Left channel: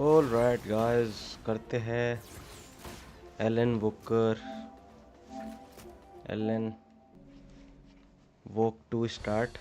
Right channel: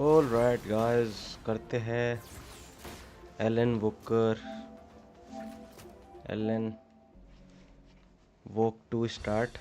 All right guys, करते हैं Alan Walker Alan walk to start.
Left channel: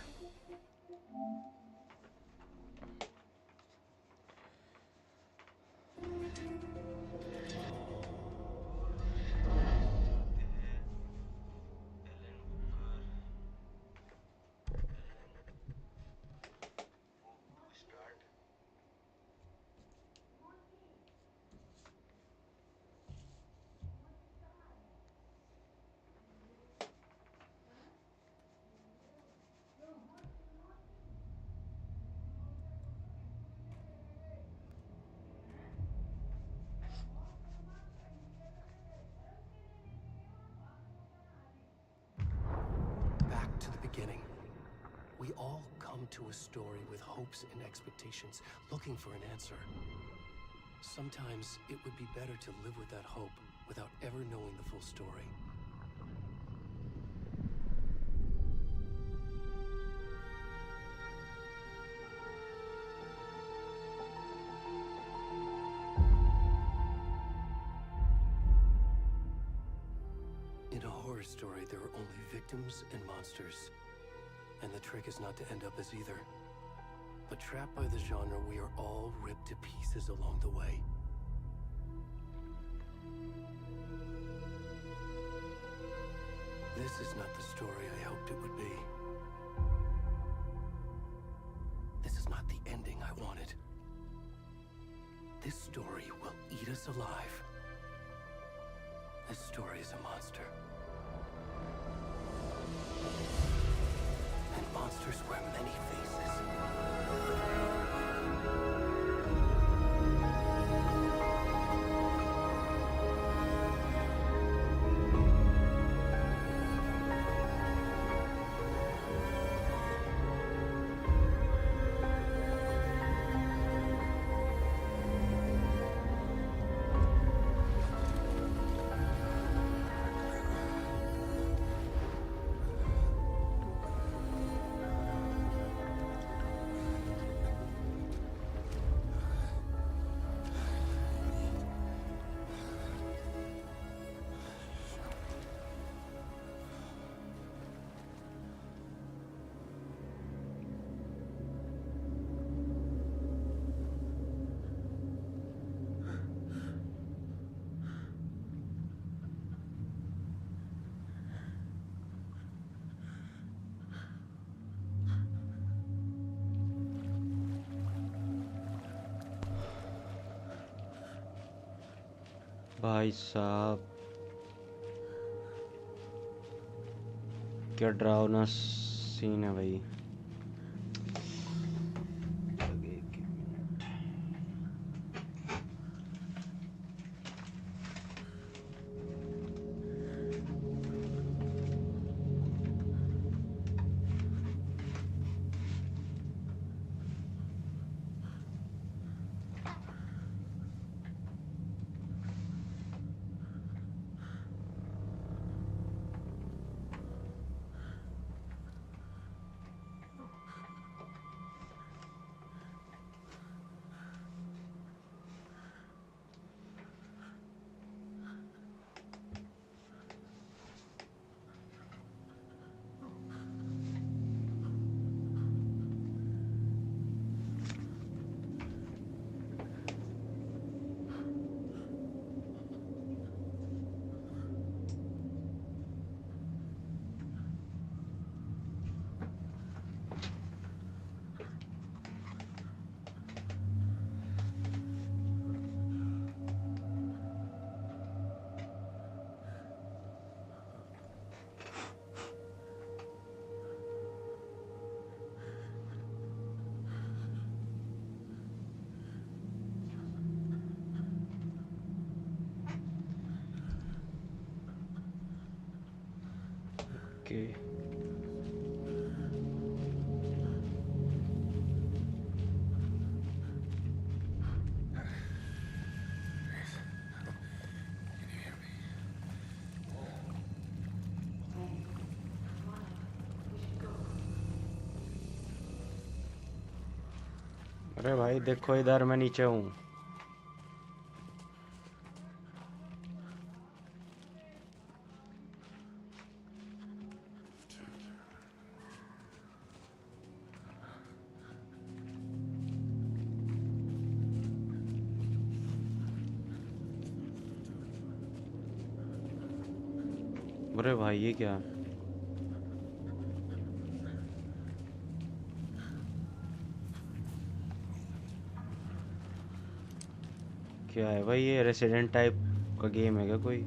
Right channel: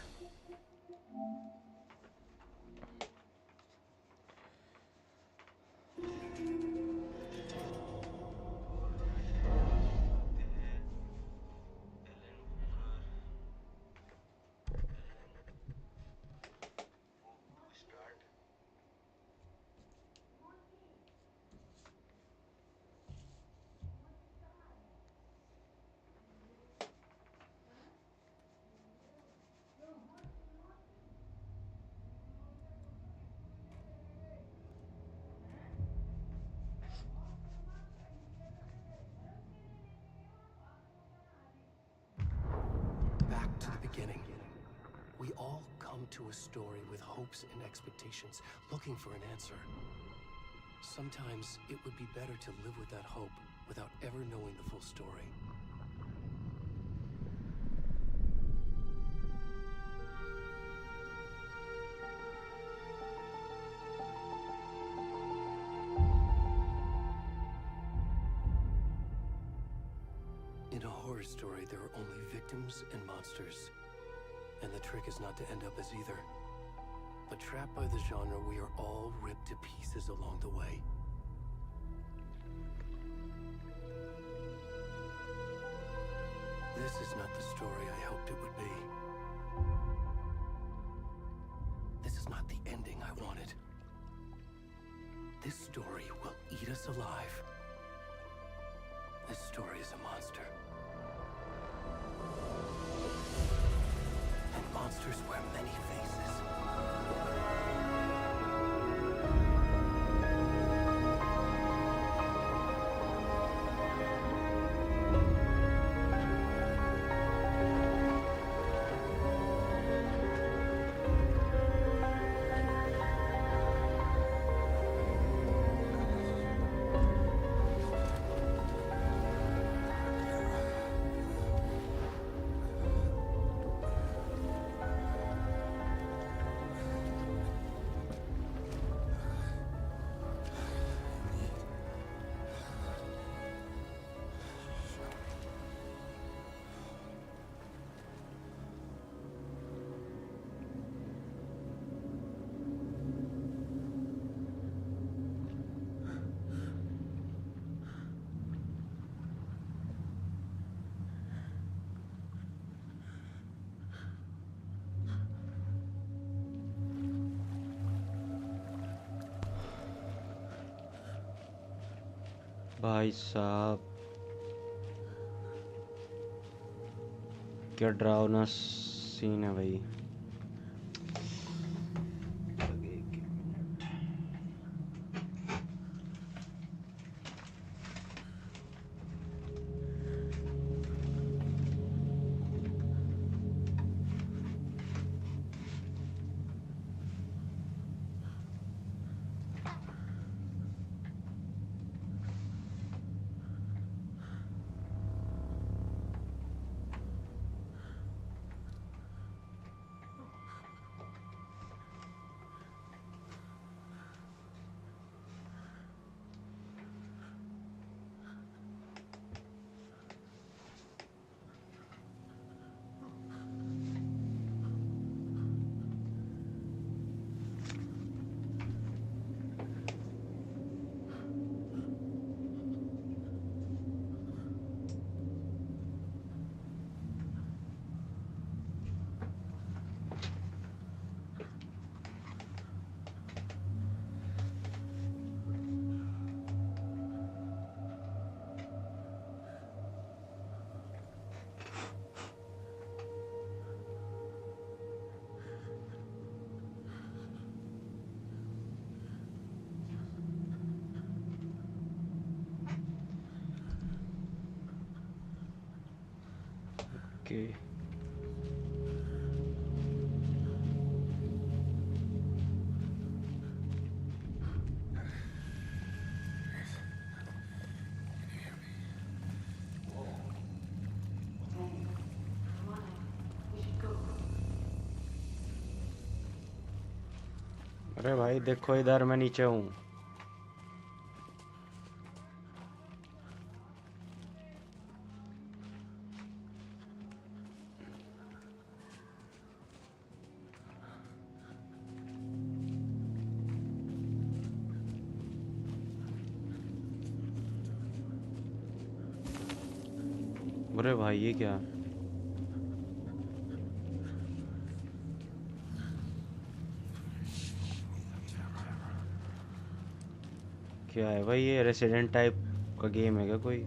Back to the beginning. We all come to a story with hopes and expectations, looking for an answer. Sometimes it would be better to live with that hope without ever knowing the full story. In a horror story, there are only victims and monsters. And the trick is not to end up as either. But trapped by the genre, we are all ripped to pieces along the way. This is not the story I hoped it would be. This is not the ending I wanted. This story will eat us alive. This story is a monster. And monsters wear many faces. भाई साहब, क्या डरावना scene है भाई। Okay, अरे भाई देखो इधर मैं नीचे हूँ। अरे भाई ये क्या है? क्या है भाई, ये रेसिडेंट टाइप का गेम है क्या कोई?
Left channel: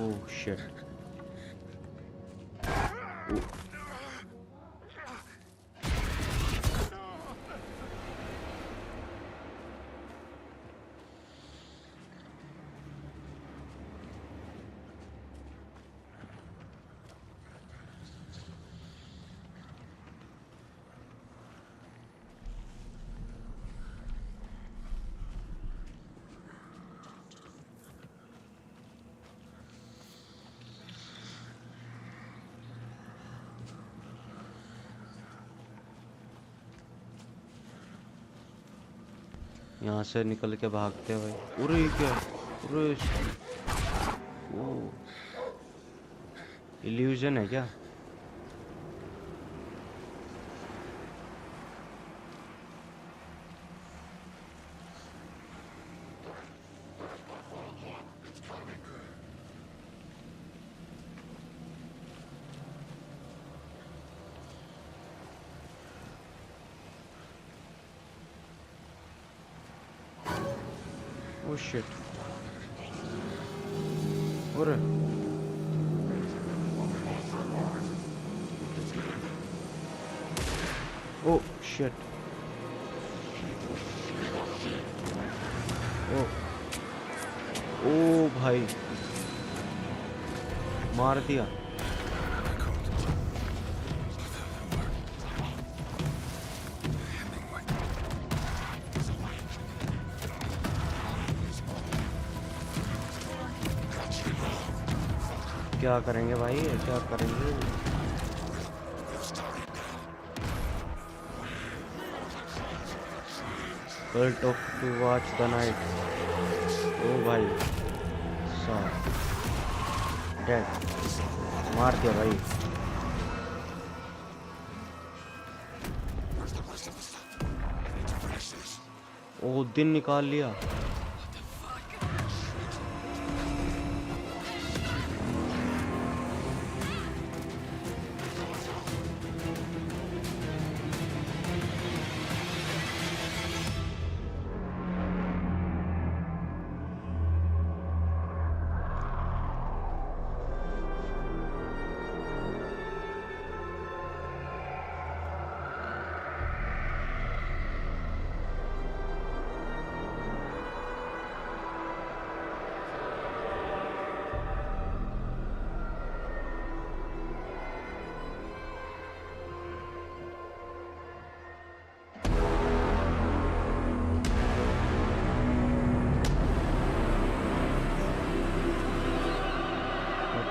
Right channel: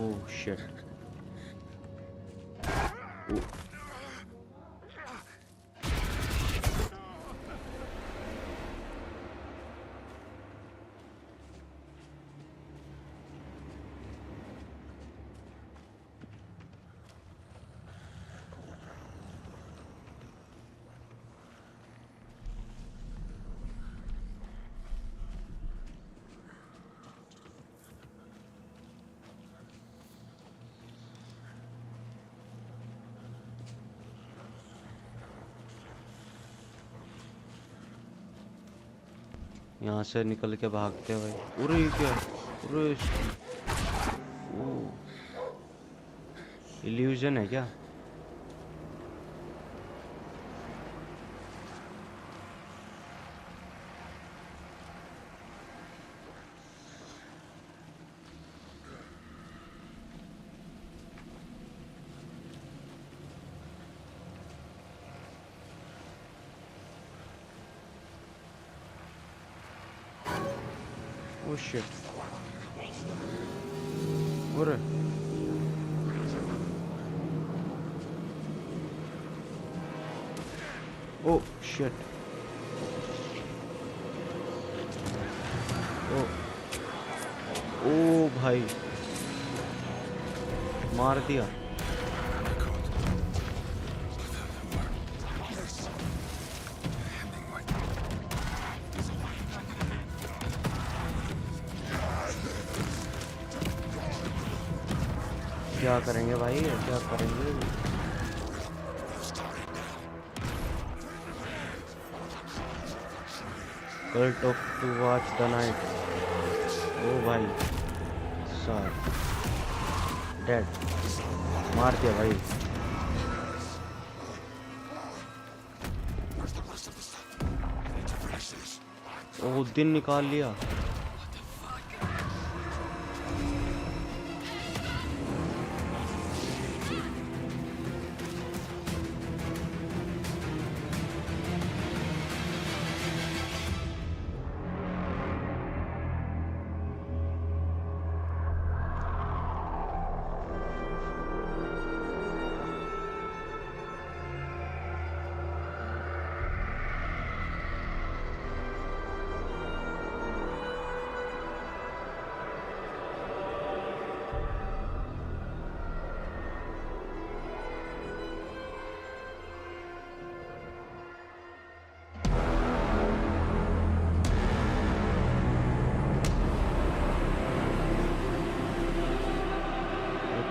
Oh shit. यहाँ से निकल के भागते हैं भाई। अरे ये क्या है? अरे ओ, इल्यूजन है क्या? Oh shit. अरे ओ शिट। ओ ओ भाई, मार दिया। क्या करेंगे भाई, क्या करेंगे? Cult of to watch the night. ओ भाई साहब, डेड। मार दिया भाई। ओ दिन निकाल लिया।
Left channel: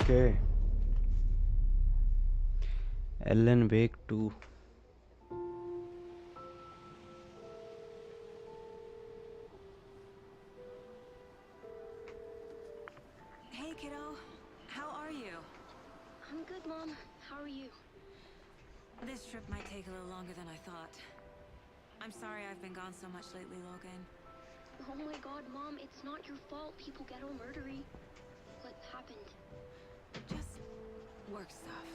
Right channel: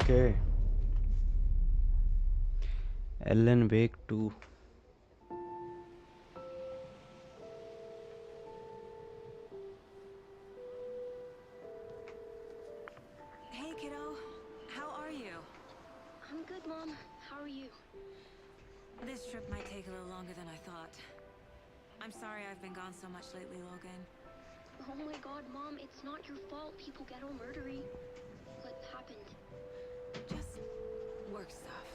Okay, Elon wake 2। Hey, kiddo. How are you? I'm good, Mom. How are you? This trip might take a little longer than I thought. I'm sorry I've been gone so much lately, Logan. Oh my god, Mom, it's not your fault people get all murdery. What happened? Just work stuff.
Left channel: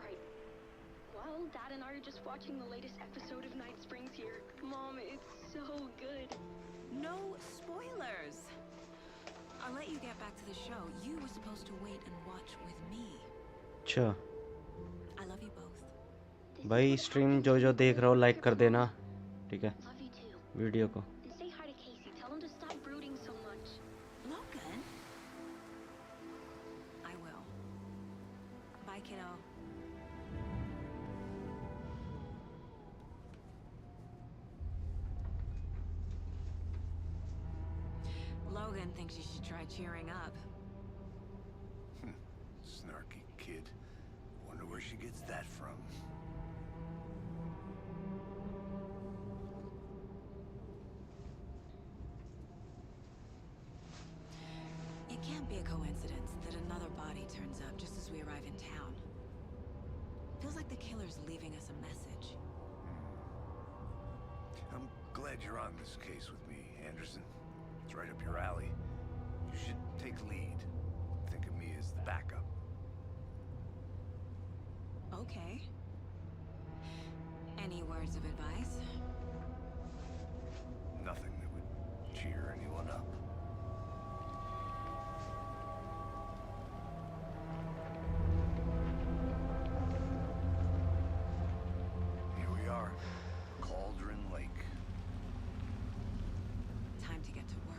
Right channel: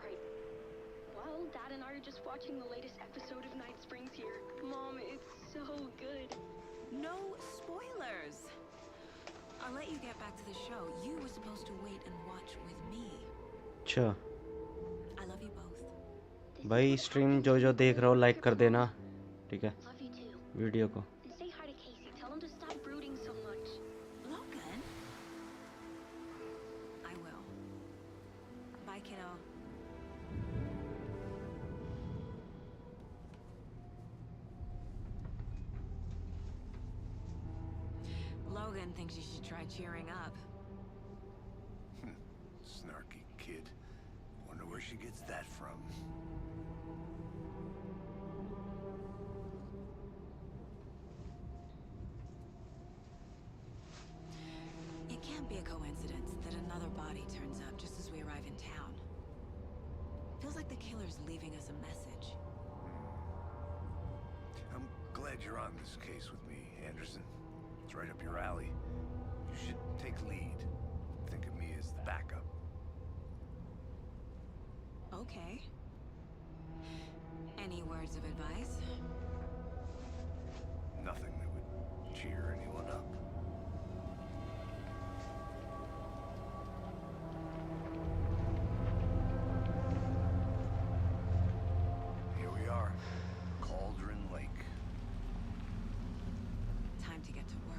Right. Well, Dad and I are just watching the latest episode of Night Springs here. Mom, it's so good. No spoilers! I'll let you get back to the show. You were supposed to wait and watch with me. अच्छा I love you both. This is भाई, what stream happens जो when जो you देख grow रहे हो up like here, कर Mom. देना, ठीक है? Love you too. वीडियो को। And say hi to Casey. Tell him to stop brooding so much. Logan? I will. Bye, kiddo. Logan thinks you should try cheering up. Snarky kid. Wonder where she gets that from. It can't be a coincidence that another body turns up just as we arrive in town. Feels like the killer's leaving us a message. I'm glad you're on this case with me, Anderson. It's right up your alley. You should take lead. Think of me as the backup. Okay. Any words of advice? Nothing that would cheer anyone up. Here we are. Cauldron Lake. Time to get to work.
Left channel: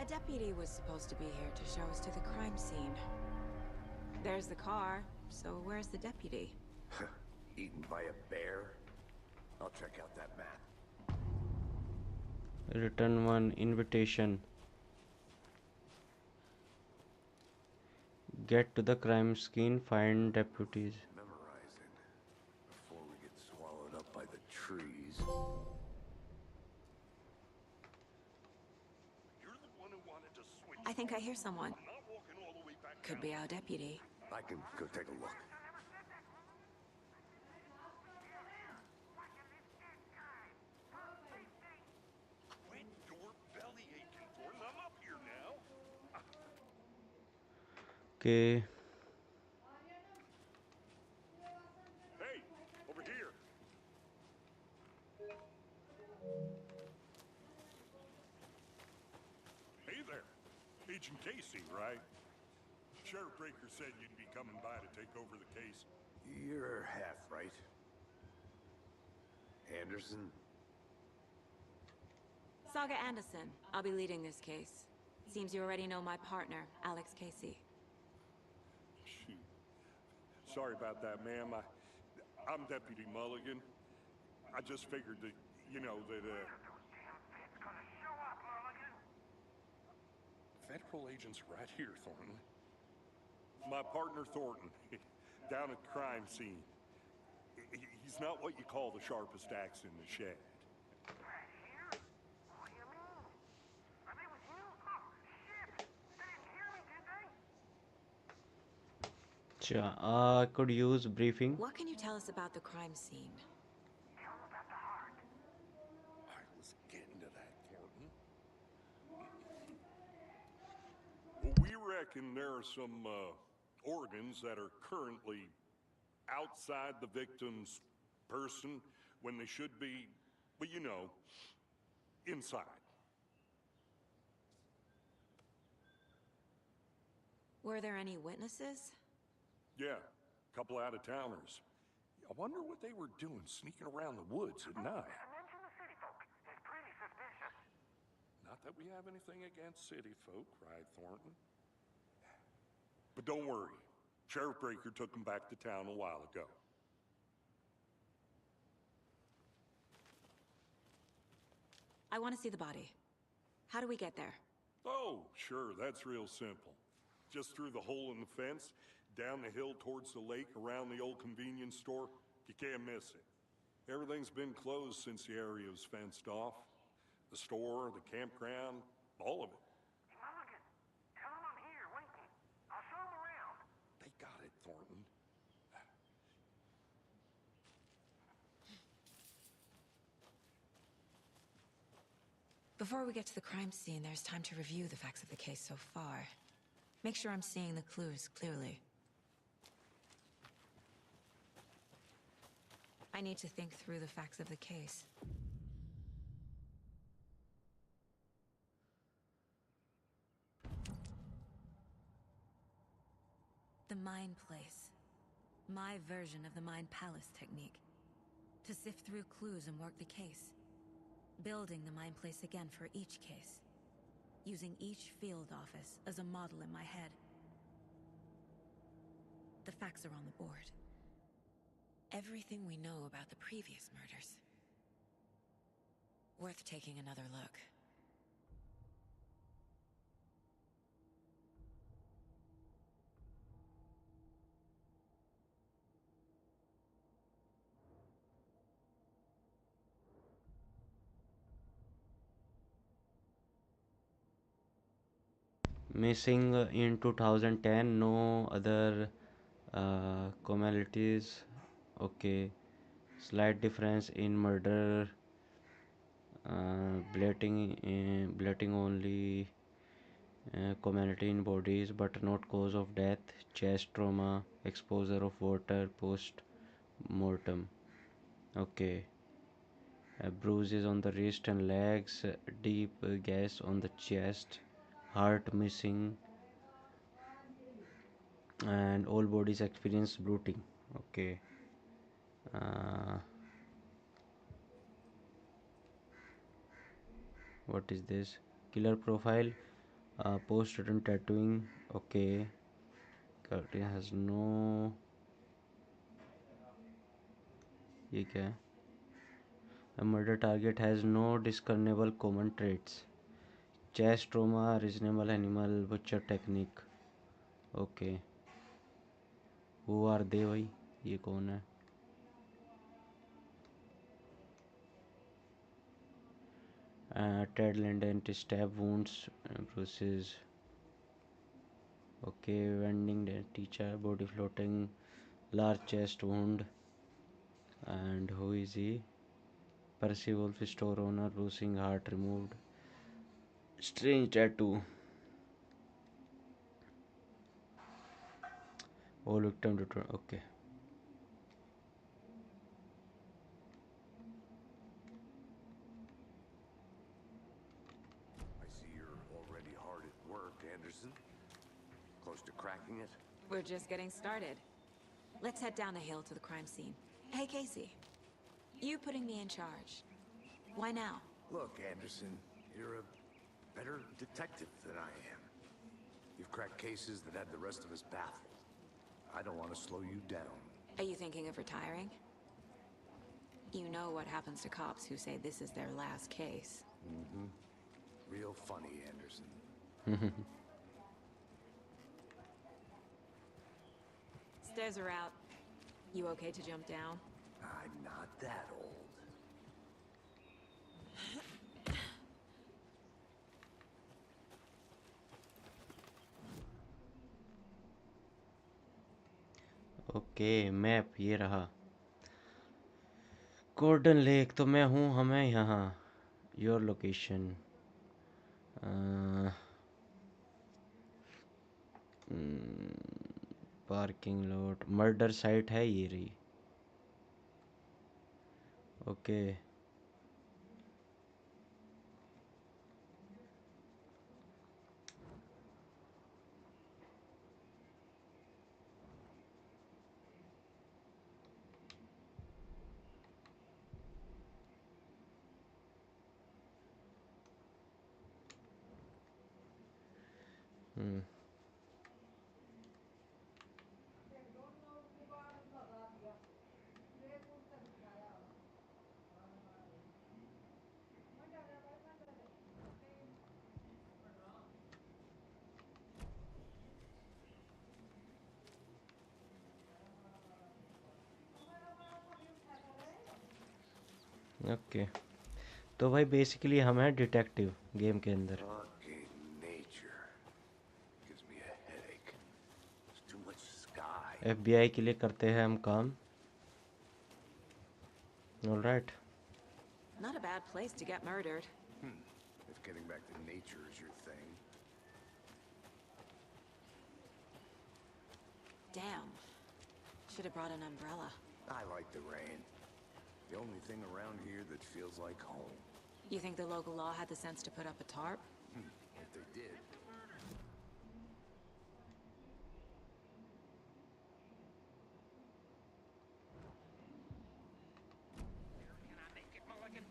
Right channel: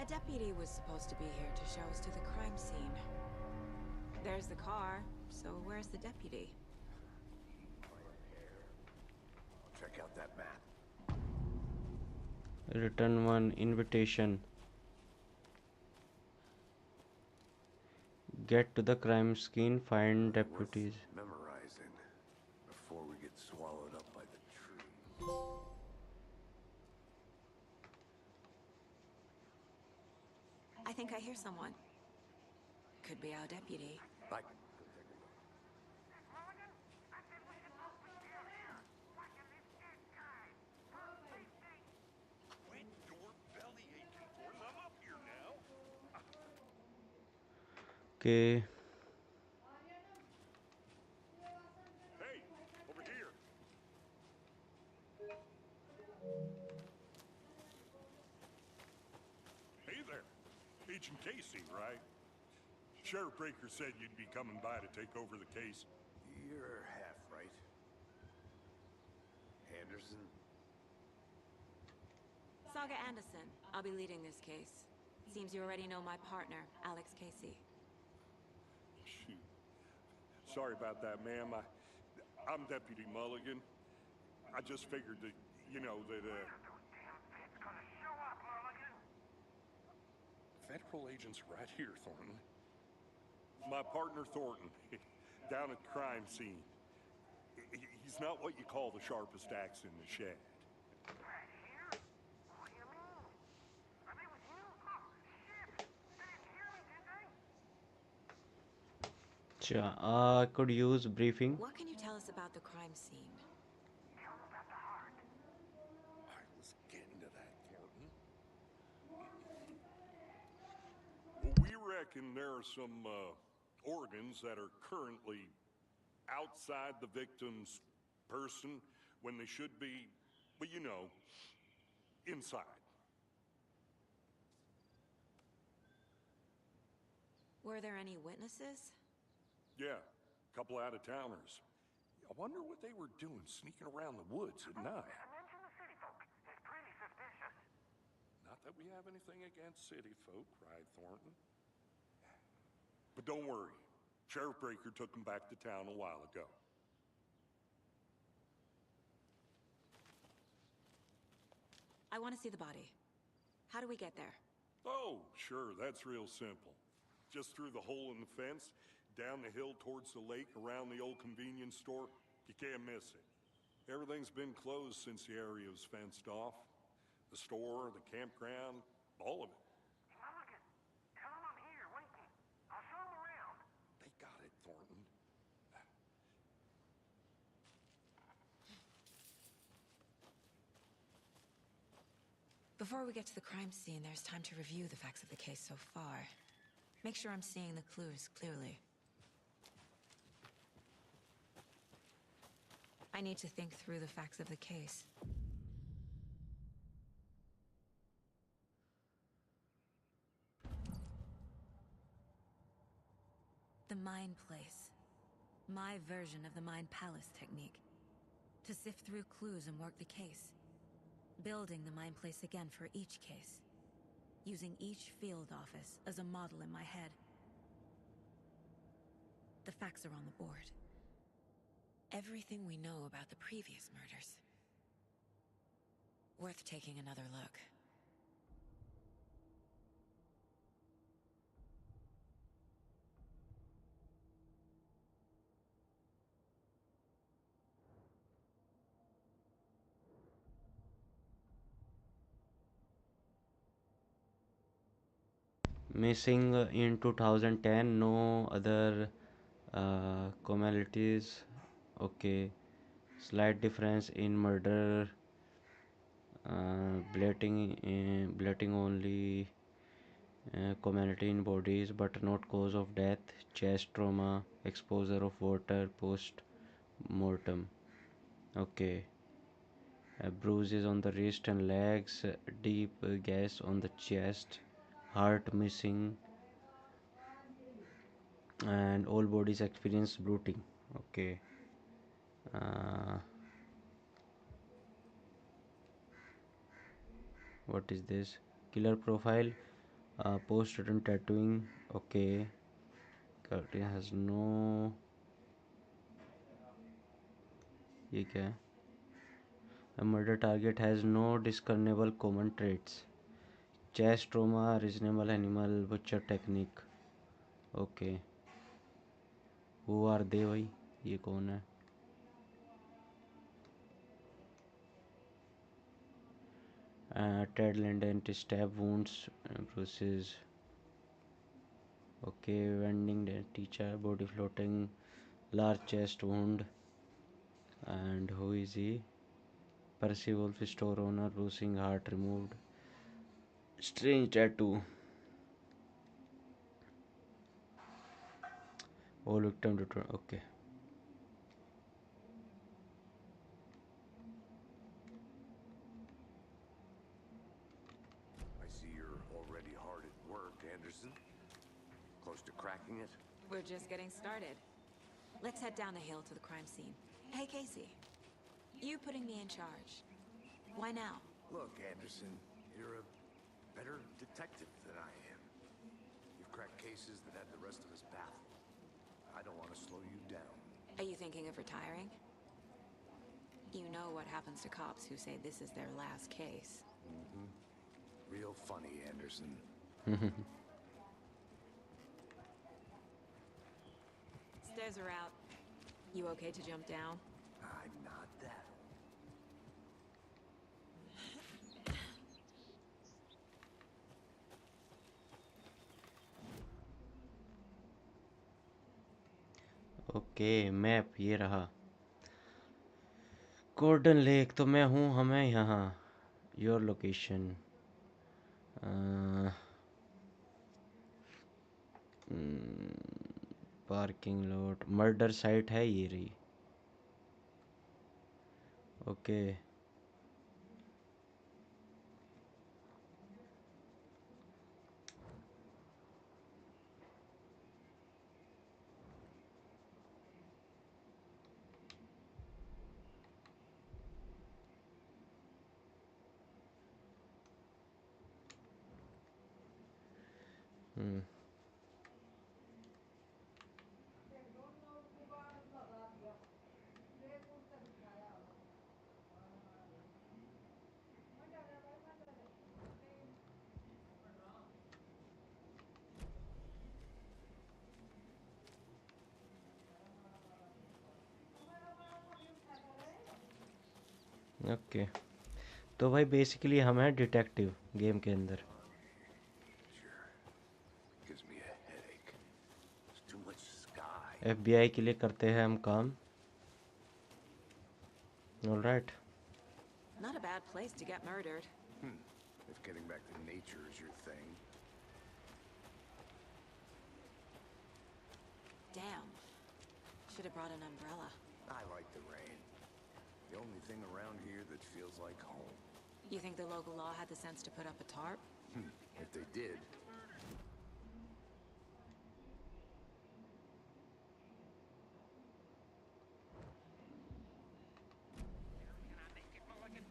A deputy was supposed to be here to show us to the crime scene. There's the car, so where's the deputy? Eaten by a bear? I'll check out that map. Return one invitation. Get to the crime scene, find deputies. Memorizing before we get swallowed up by the trees. I think I hear someone. Could be our deputy. I can go take a look. Quit your belly aching, Thornton. I'm up here now. Okay. Hey, over here. Hey there. Agent Casey, right? Sheriff Breaker said you'd be coming by to take over the case. You're half right. Anderson? Saga Anderson. I'll be leading this case. Seems you already know my partner, Alex Casey. Shoot. Sorry about that, ma'am. I'm Deputy Mulligan. I just figured that, you know, that, Federal agents right here, Thornton. My partner, Thornton, down at the crime scene. He's not what you call the sharpest axe in the shed. I could use briefing. What can you tell us about the crime scene? I was getting to that, Thornton. Well, we reckon there are some, organs that are currently outside the victim's person when they should be, well, you know, inside. Were there any witnesses? Yeah, a couple out-of-towners. I wonder what they were doing sneaking around the woods at night. Not that we have anything against city folk, right, Thornton? But don't worry. Sheriff Breaker took them back to town a while ago. I want to see the body. How do we get there? Oh, sure, that's real simple. Just through the hole in the fence, down the hill towards the lake, around the old convenience store. You can't miss it. Everything's been closed since the area was fenced off. The store, the campground, all of it. Mulligan, tell him I'm here waiting. I'll show him around. They got it, Thornton. Before we get to the crime scene, there's time to review the facts of the case so far. Make sure I'm seeing the clues clearly. I need to think through the facts of the case. The Mind Place. My version of the Mind Palace technique. To sift through clues and work the case. Building the Mind Place again for each case. Using each field office as a model in my head. The facts are on the board. Everything we know about the previous murders. Worth taking another look. missing in 2010, no other commonalities. Okay, slight difference in murder, bleeding only, commonality in bodies but not cause of death, chest trauma, exposure of water post mortem. Okay, bruises on the wrist and legs, deep gash on the chest, heart missing, and all bodies experience bloating. Okay. uh, what is this? Killer profile, post-mortem tattooing. Okay, it has no, ये क्या है? A murder target has no discernible common traits. Chest trauma, reasonable animal butcher technique. Okay, who are they भाई? ये कौन है? Ted Linden, stab wounds, bruises. Okay, vending teacher, body floating, large chest wound. And who is he? Percy Wolf, store owner, bruising, heart removed, strange tattoo. All victim return. Okay. I see you're already hard at work, Anderson. Close to cracking it? We're just getting started. Let's head down the hill to the crime scene. Hey, Casey. You putting me in charge. Why now? Look, Anderson, you're a better detective than I am. You've cracked cases that had the rest of us baffled. I don't want to slow you down. Are you thinking of retiring? You know what happens to cops who say this is their last case. Real funny, Anderson. Stairs are out. You okay to jump down? I'm not that old. Okay, map ये रहा। Golden lake तो मैं हूँ, हमें यहाँ। Your location, parking lot, murder site है ये रही। Okay, okay. तो भाई बेसिकली हम हैं डिटेक्टिव गेम के अंदर। Fucking nature. Gives me a headache. There's too much sky. FBI के लिए करते हैं हम काम। Alright. Not a bad place to get murdered. If getting back to nature is your thing. Damn. Should have brought an umbrella. I like the rain. The only thing around here that feels like home. You think the local law had the sense to put up a tarp? If they did. Can I make it, Mulligan?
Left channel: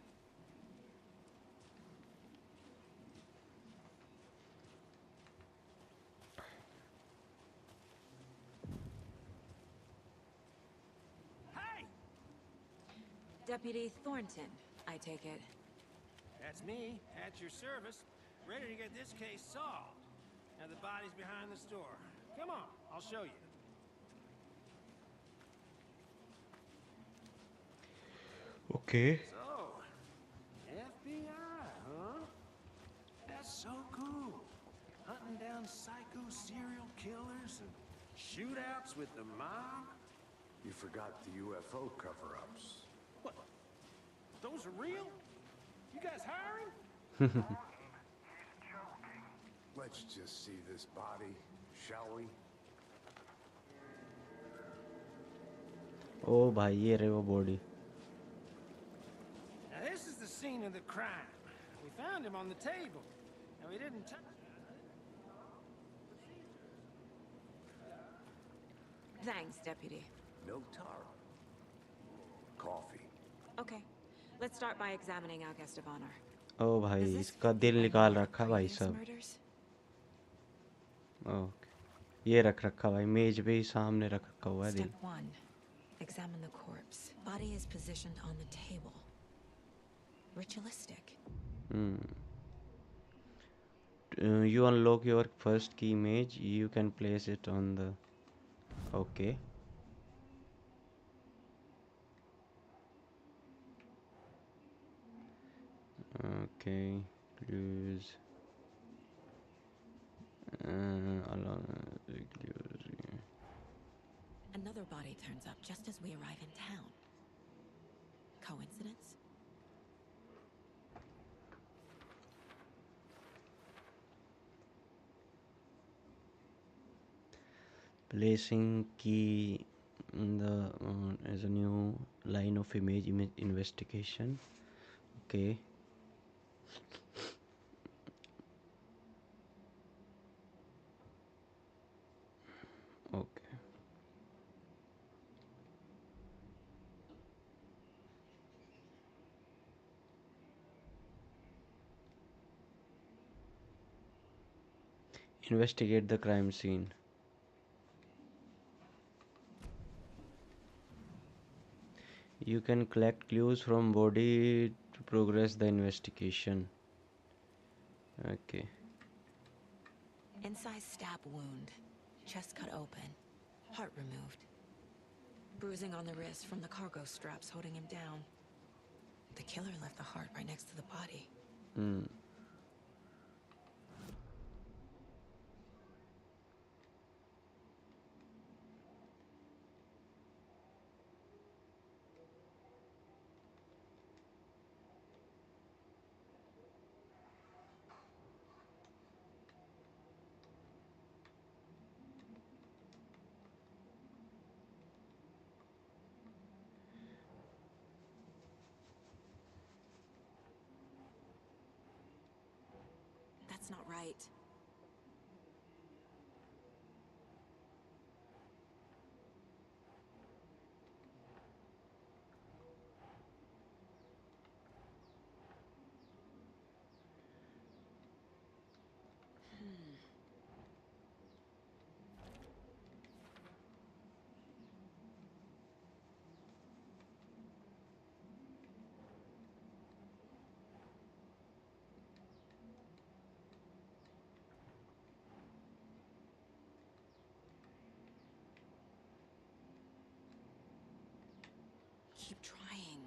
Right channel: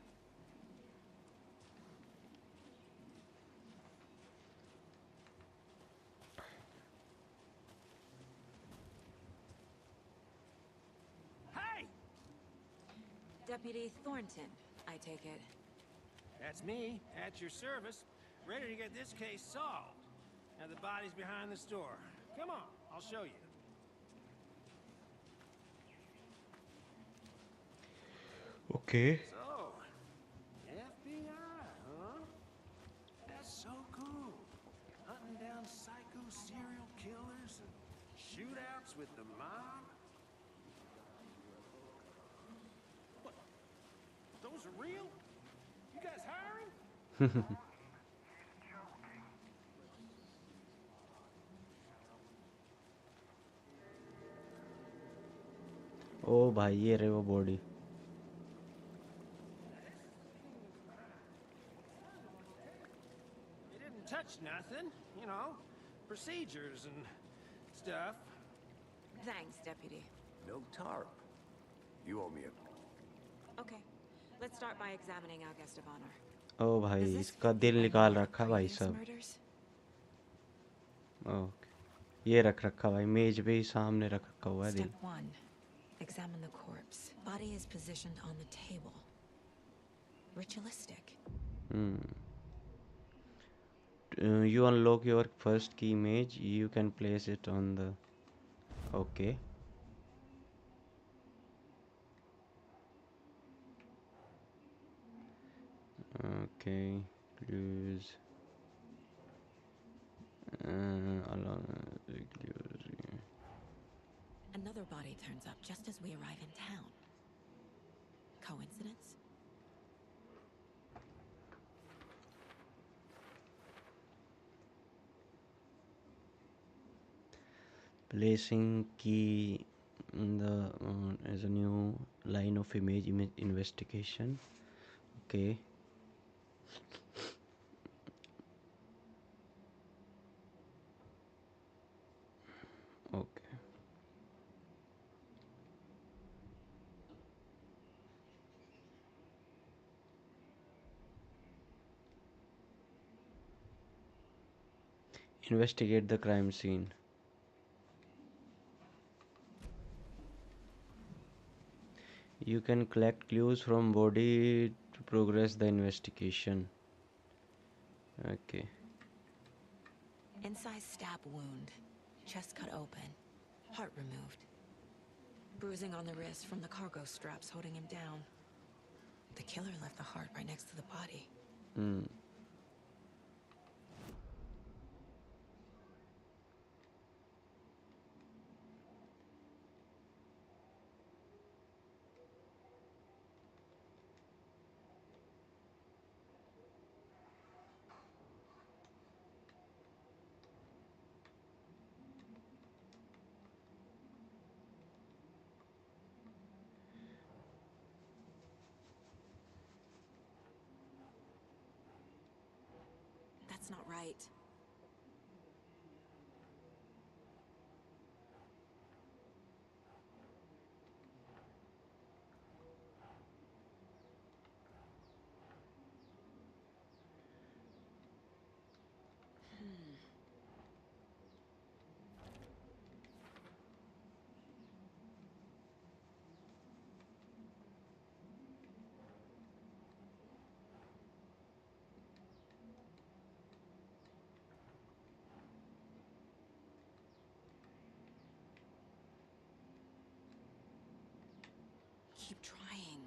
Hey! Deputy Thornton, I take it. That's me, at your service, ready to get this case solved. Now the body's behind the store. Come on, I'll show you. Okay. So, FBI, huh? That's so cool. Hunting down forgot the UFO cover-ups. What? Those are real? You guys hiring? Let's just see this body, shall we? ओ भाई ये रहे वो body. Now this is the scene of the crime. We found him on the table. And we didn't touch nothing. You know, procedures and stuff. Thanks, Deputy. No tarp. You owe me a coffee. Okay, let's start by examining our guest of honor. ओ भाई Does this इसका fit दिल any निकाल of the रखा भाई previous सब. murders? Okay ये रख रखा भाई मेज पे ही सामने रख रखा हुआ है दिल. Step 1. Examine the corpse. Body is positioned on the table. Ritualistic. You unlock your first key image. You can place it on the. Okay. Okay. Clues. Along the clues. Another body turns up just as we arrive in town. Coincidence? Placing key in the as a new line of image investigation. Okay. Okay. Investigate the crime scene. You can collect clues from body to progress the investigation. Okay. Incised stab wound. Chest cut open. Heart removed. Bruising on the wrist from the cargo straps holding him down. The killer left the heart right next to the body. That's not right. Keep trying.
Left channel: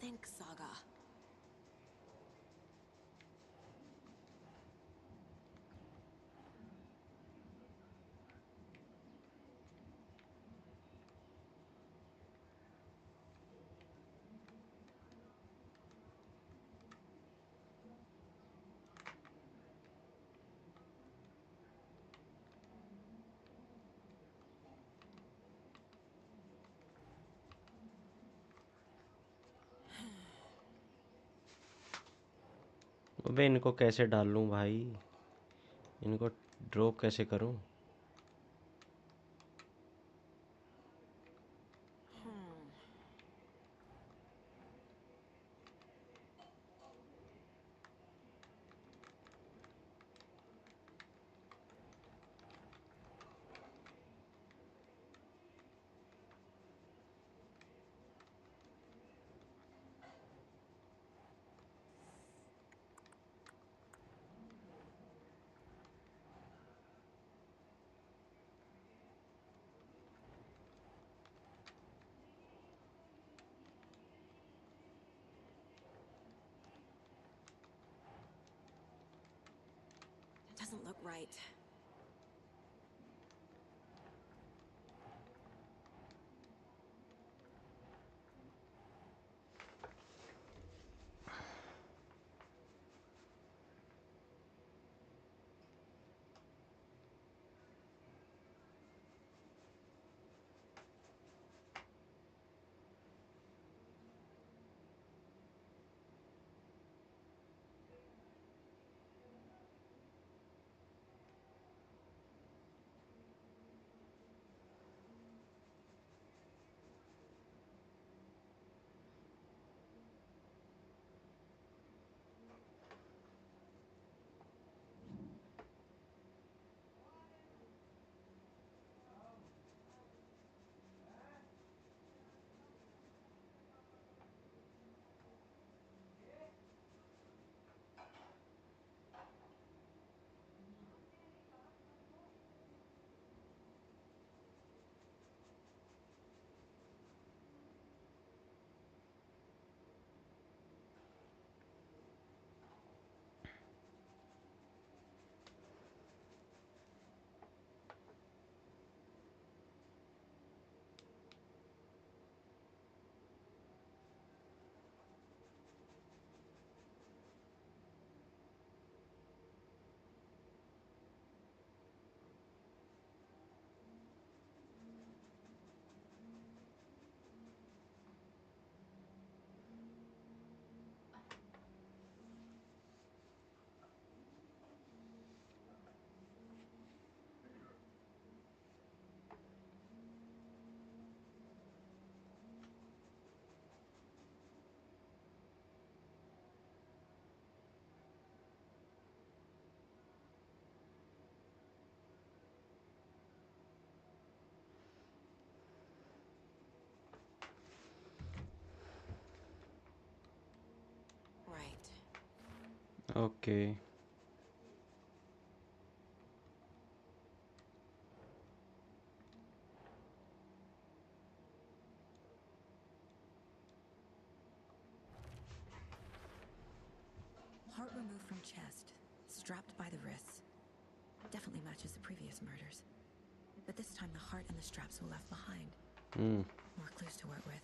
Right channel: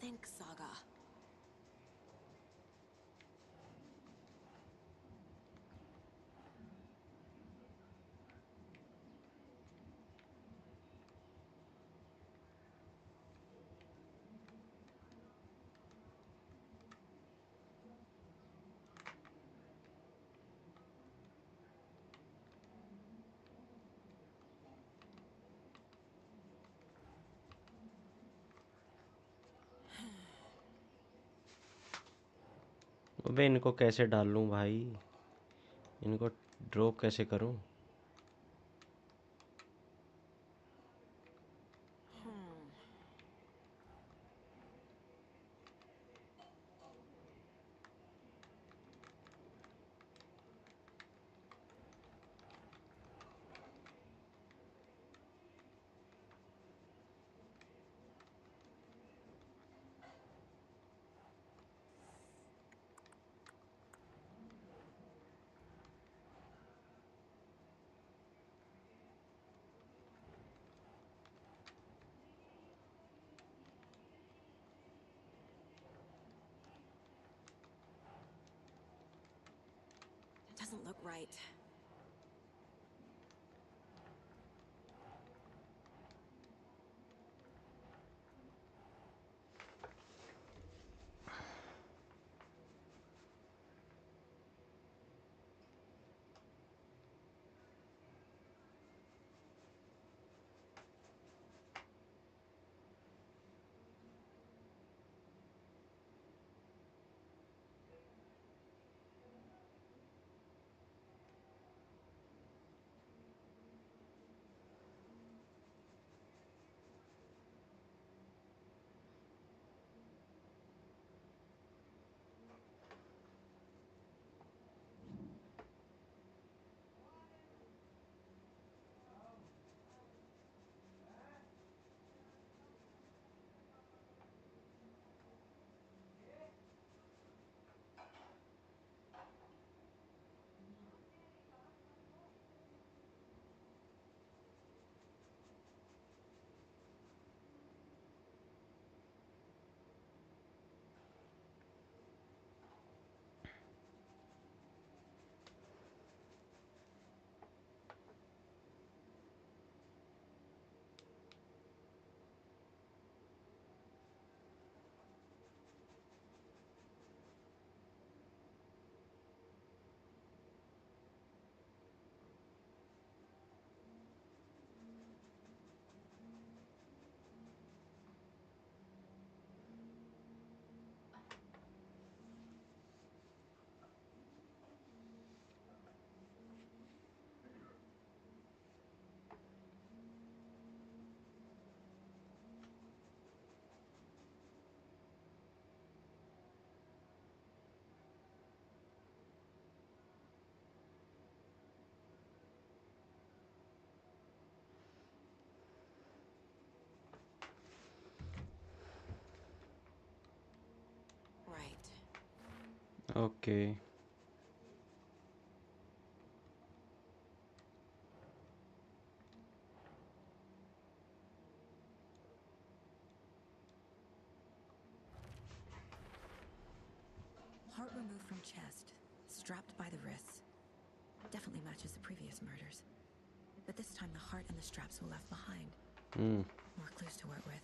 Think, Saga. अबे इनको कैसे डाल लूं भाई. इनको draw कैसे करूं. Right. Right. Okay. Heart removed from chest, strapped by the wrists. Definitely matches the previous murders. But this time the heart and the straps were left behind. More clues to work with.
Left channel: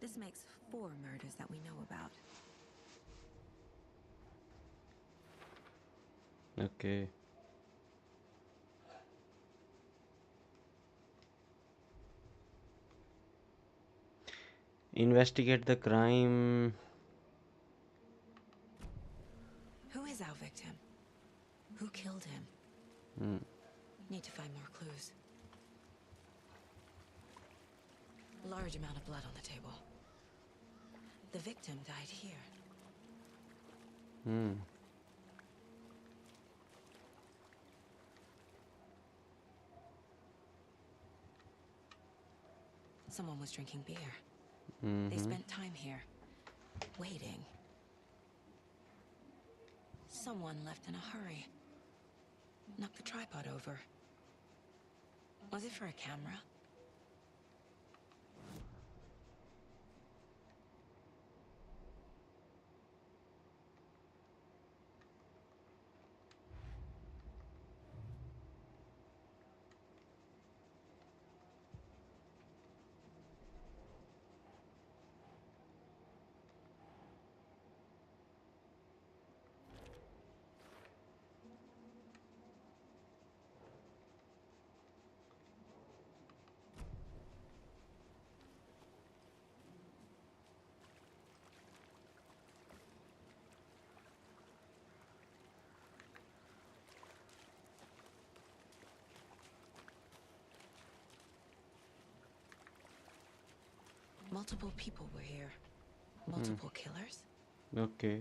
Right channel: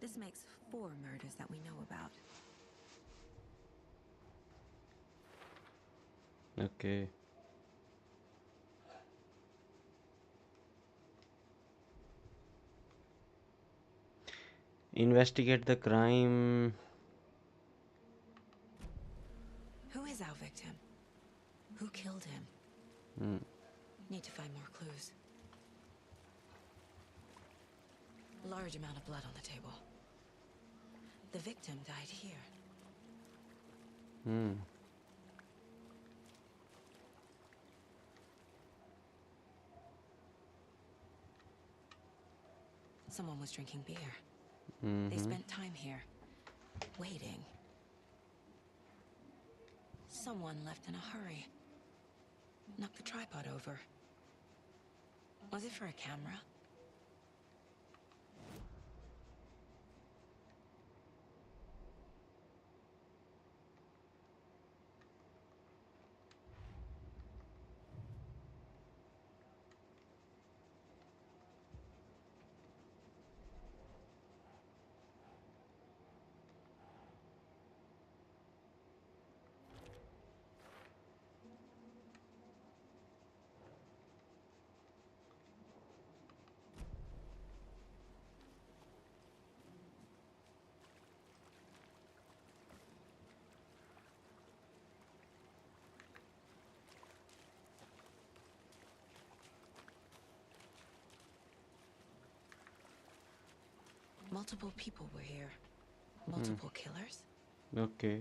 This makes 4 murders that we know about. Okay. Investigate the crime. Who is our victim? Who killed him? Need to find more clues. Large amount of blood on the table. The victim died here. Someone was drinking beer. They spent time here, waiting. Someone left in a hurry. Knocked the tripod over. Was it for a camera? Multiple people were here. Multiple killers? Okay.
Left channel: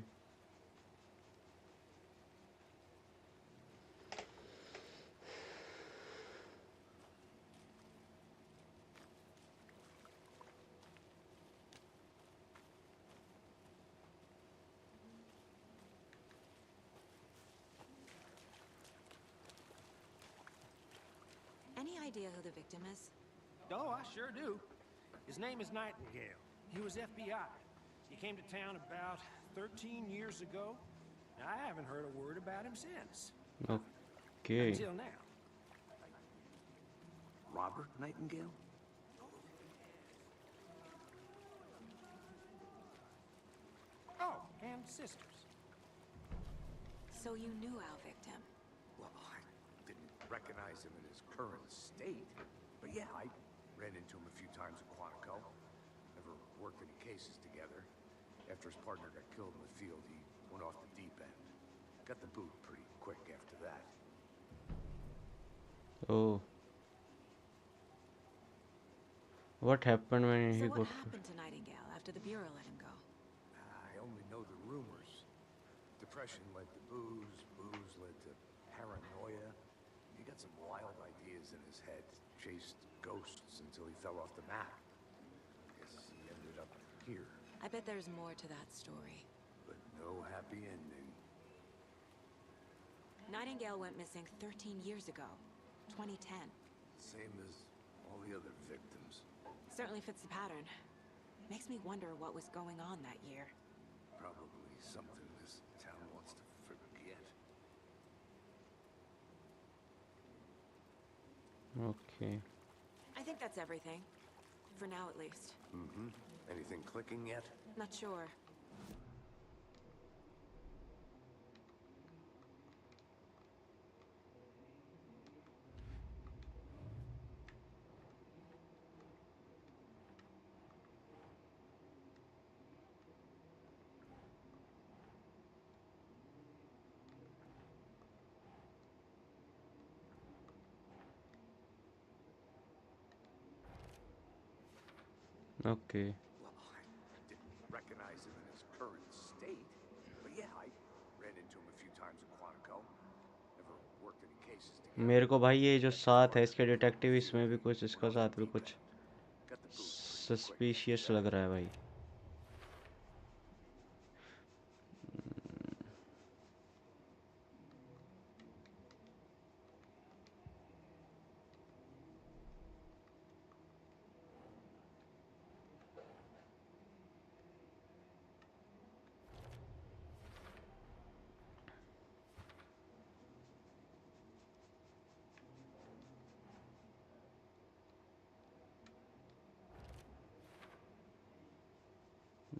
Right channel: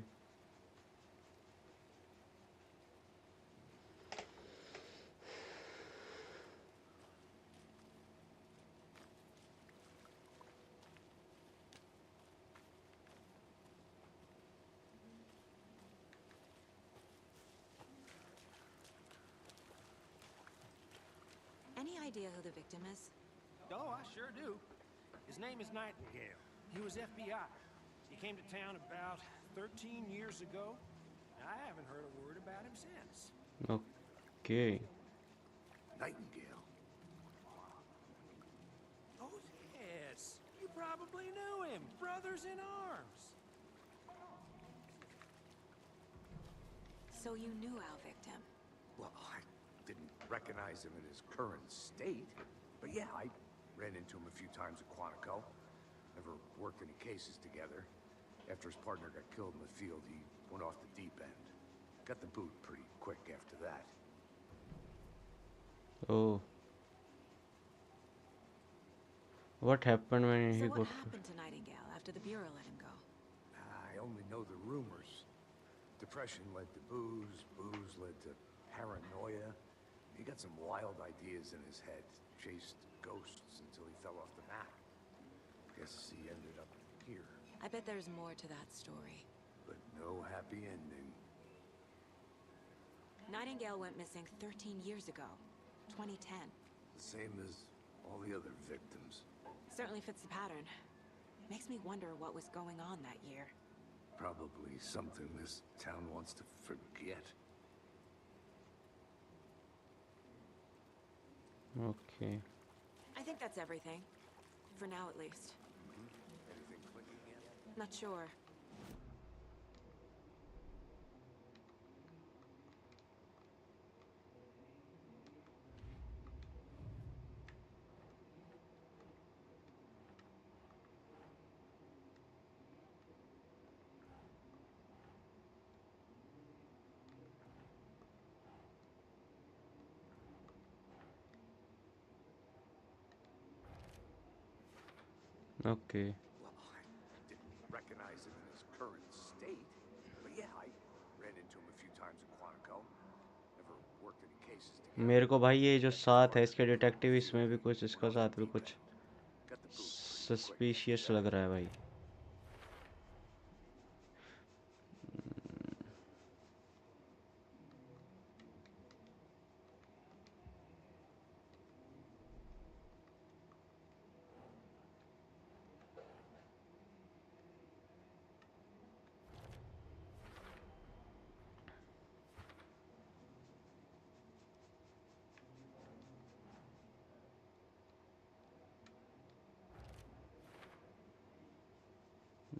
Any idea who the victim is? Oh, I sure do. His name is Nightingale. He was FBI. He came to town about 13 years ago. I haven't heard a word about him since. Okay. Until now. Nightingale. Robert Nightingale? Oh, yes. You probably knew him. Brothers in arms. Oh, and sisters. So you knew our victim. Well, I didn't recognize him in his current state. But yeah, I ran into him a few times at Quantico. Never worked any cases together. After his partner got killed in the field, he went off the deep end. Got the boot pretty quick after that. Oh, what happened when So he what got? happened to Nightingale after the Bureau let him go? I only know the rumors. Depression led to booze, booze led to paranoia. He got some wild ideas in his head, chased ghosts until he fell off the map. Guess he ended up here, I bet there's more to that story. but no happy ending. Nightingale went missing 13 years ago, 2010. Same as all the other victims. Certainly fits the pattern. Makes me wonder what was going on that year. Probably something this town wants to forget. Okay. I think that's everything. For now, at least. Mm-hmm. Anything clicking yet? Not sure. Okay. Well, I didn't recognize him in his current state. But yeah, I ran into him a few times at Quantico. Never worked any cases together. मेरे को भाई ये जो After his साथ है partner इसके got killed in the detective field, इसमें भी he कुछ went इसका off the साथ भी deep कुछ end. Got the boot pretty quick after suspicious that. लग रहा है भाई.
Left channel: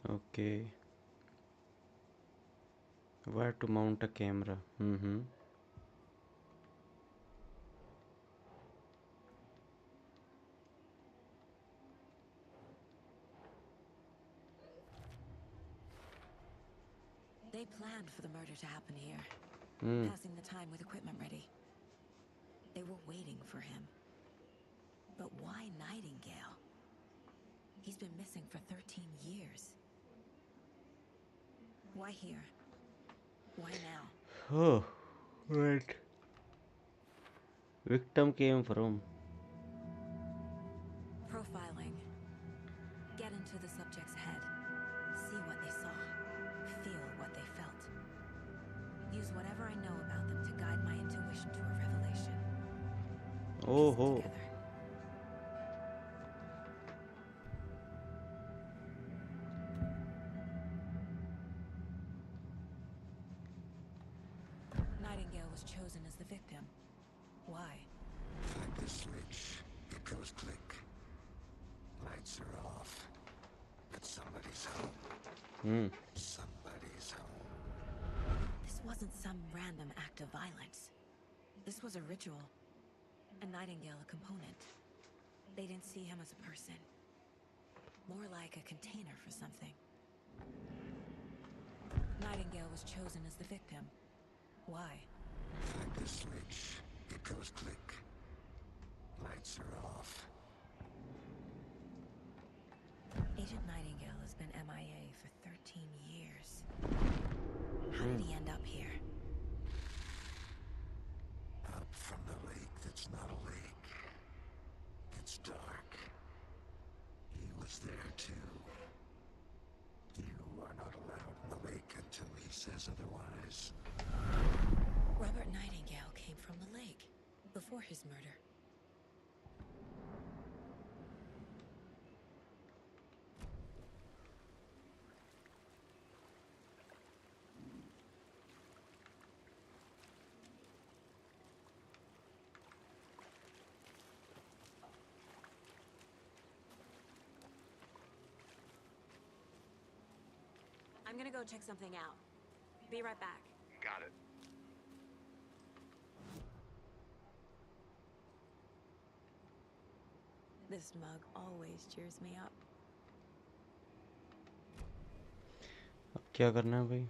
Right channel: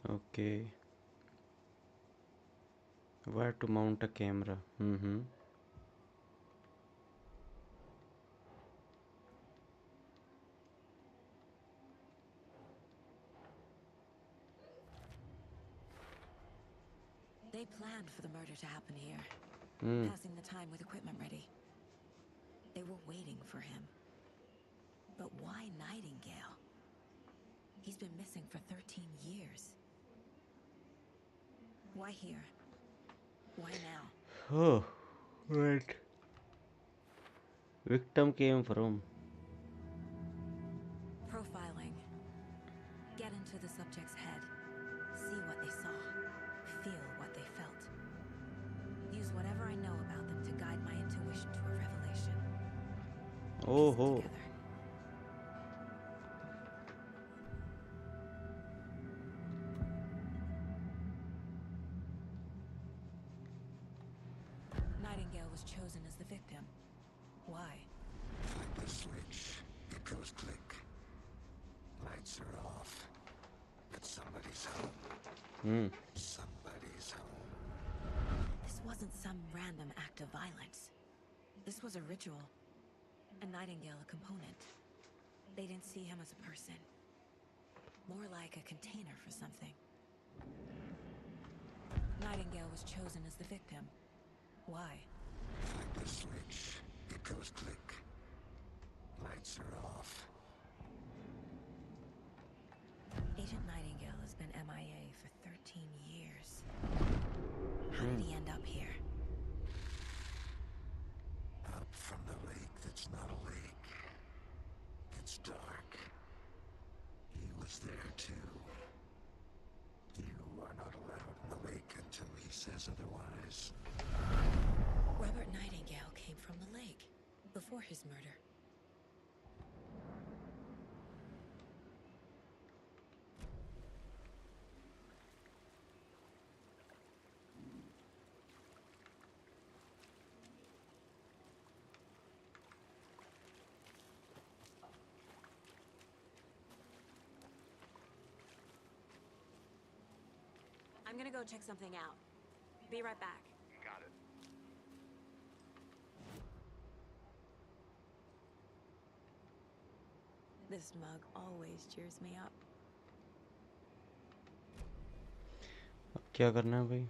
Okay. Where to mount a camera? Mm-hmm. They planned for the murder to happen here. Hmm. Passing the time with equipment ready. They were waiting for him. But why Nightingale? He's been missing for 13 years. Why here? Why now? Oh, right. Victim came from. Profiling. Get into the subject's head. See what they saw. Feel what they felt. Use whatever I know about them to guide my intuition to a revelation. Oh Piece it ho. together. Nightingale was chosen as the victim. Why? Flick the switch. It goes click. Lights are off. But somebody's home. Hmm. Somebody's home. This wasn't some random act of violence. This was a ritual. And Nightingale a component. They didn't see him as a person. More like a container for something. Nightingale was chosen as the victim. Why? Flick the switch. It goes click. Lights are off. Agent Nightingale has been MIA for 13 years. How did he end up here? Up from the lake that's not a lake. It's dark. He was there too. You are not allowed in the lake until he says otherwise. Robert Nightingale came from the lake before his murder. I'm gonna go check something out. Be right back. Got it. This mug always cheers me up. अब क्या करना है भाई?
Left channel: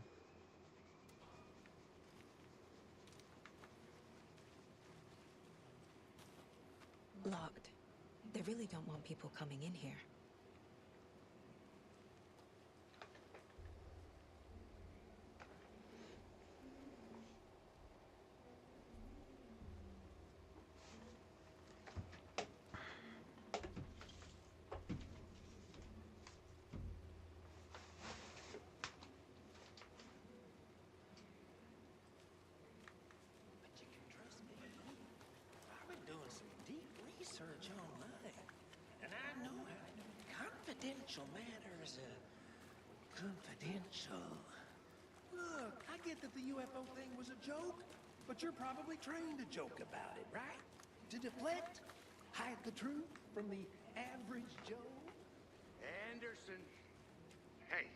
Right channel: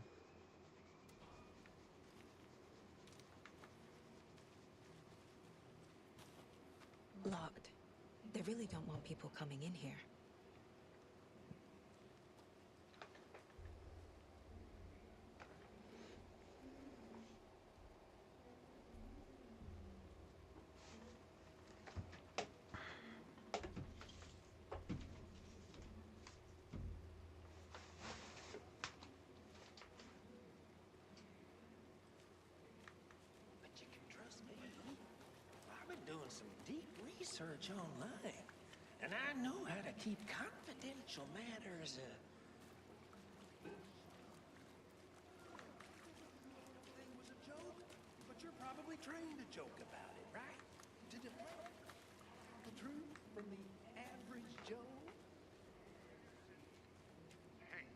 Locked. They really don't want people coming in here. But you can trust me. I've been doing some deep research online, and I know how to keep confidential matters confidential. Look, I get that the UFO thing was a joke, but you're probably trained to joke about it, right? To deflect, hide the truth from the average Joe. Anderson. Hey,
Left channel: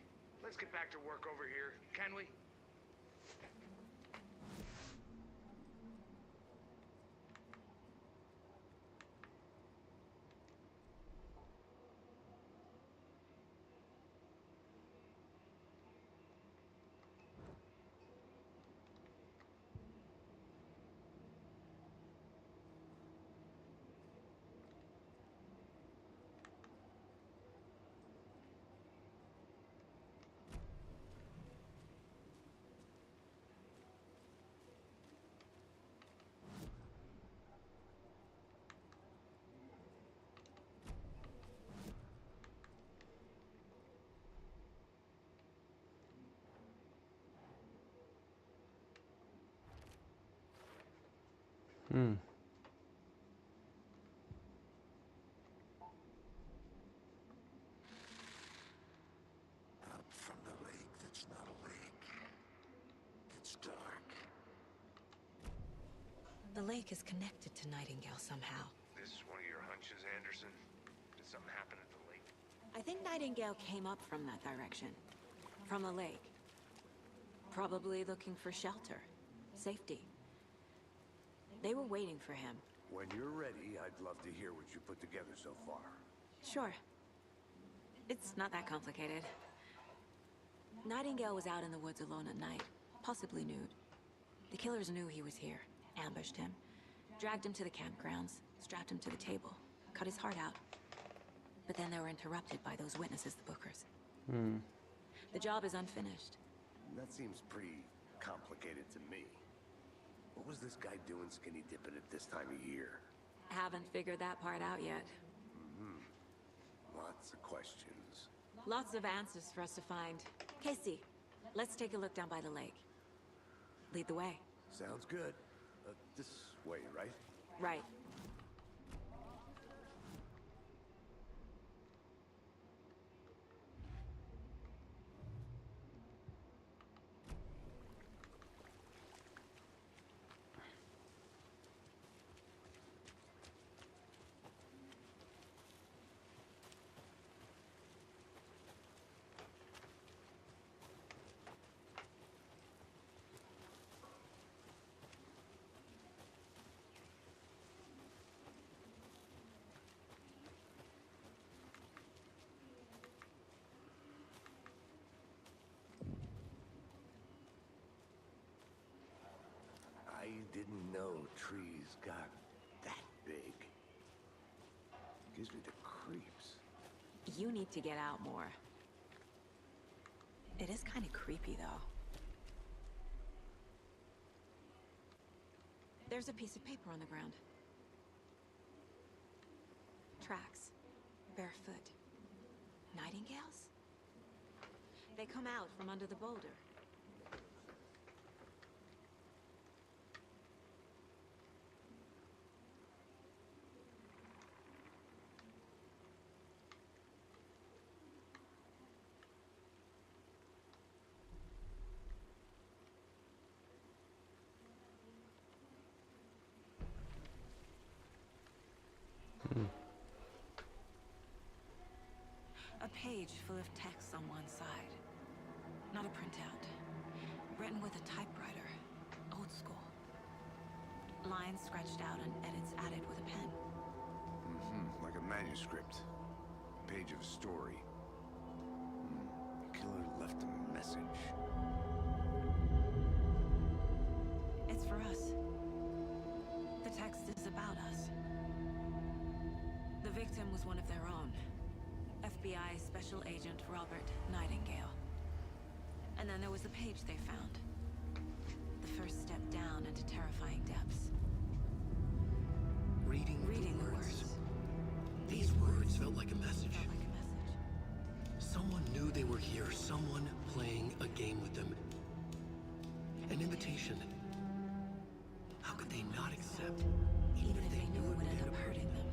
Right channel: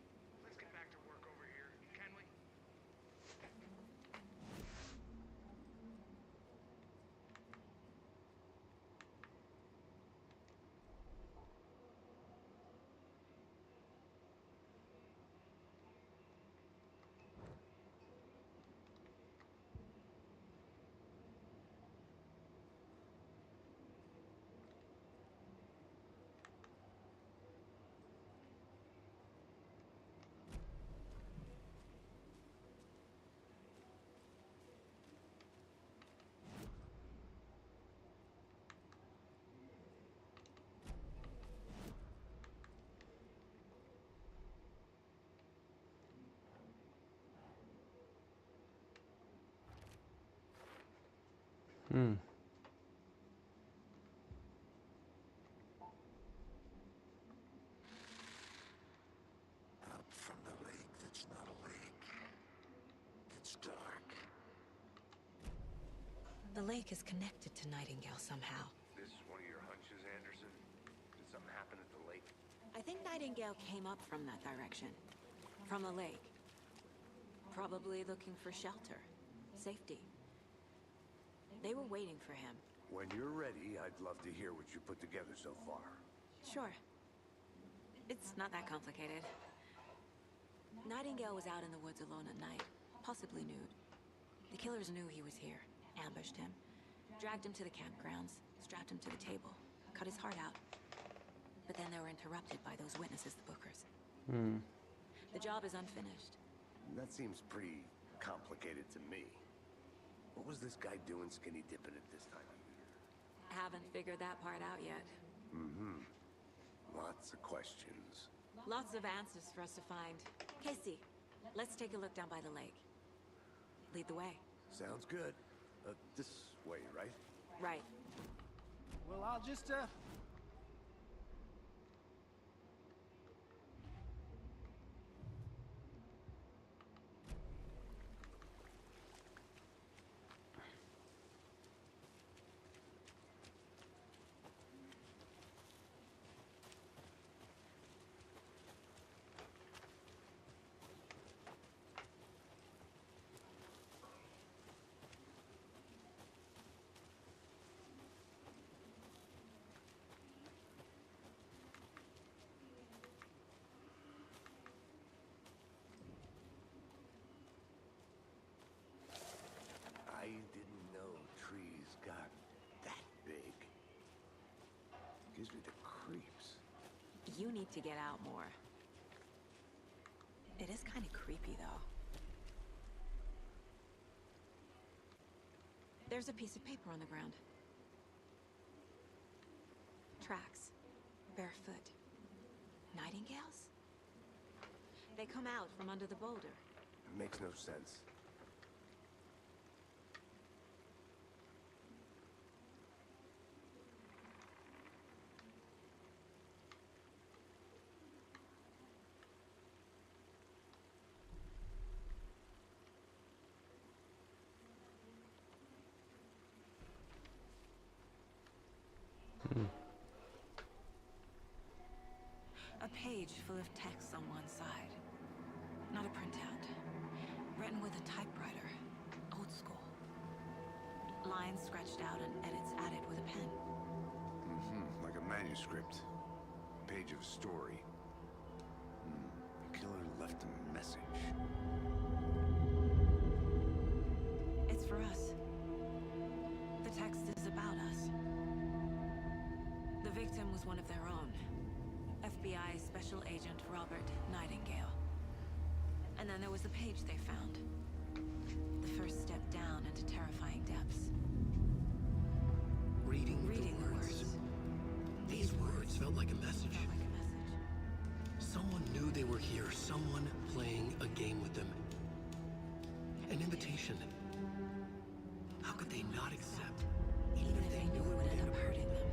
let's get back to work over here, can we? Up from the lake that's not a lake. It's dark. The lake is connected to Nightingale somehow. This is one of your hunches, Anderson? Did something happen at the lake? I think Nightingale came up from that direction. From the lake. Probably looking for shelter. Safety. They were waiting for him. When you're ready, I'd love to hear what you put together so far. Sure. It's not that complicated. Nightingale was out in the woods alone at night, possibly nude. The killers knew he was here, ambushed him, dragged him to the campgrounds, strapped him to the table, cut his heart out. But then they were interrupted by those witnesses, the Bookers. The job is unfinished. That seems pretty complicated to me. What was this guy doing skinny dipping at this time of year? Haven't figured that part out yet. Lots of questions. Lots of answers for us to find. Casey, let's take a look down by the lake. Lead the way. Sounds good. This way, right? Well, Right. I'll just, I didn't know trees got that big. Gives me the creeps. You need to get out more. It is kind of creepy, though. There's a piece of paper on the ground. Tracks. Barefoot. Nightingales? They come out from under the boulder. Makes no sense. A page full of text on one side. Not a printout. Written with a typewriter. Old school. Lines scratched out and edits added with a pen. Like a manuscript. Page of a story. The killer left a message. It's for us. The text is about us. The victim was one of their own. FBI Special Agent Robert Nightingale. And then there was the page they found. The first step down into terrifying depths. Reading the words. These words felt like a message. Felt like a message. Someone knew they were here, someone playing a game with them. An invitation. How could they not accept, even if they knew it would end up hurting them?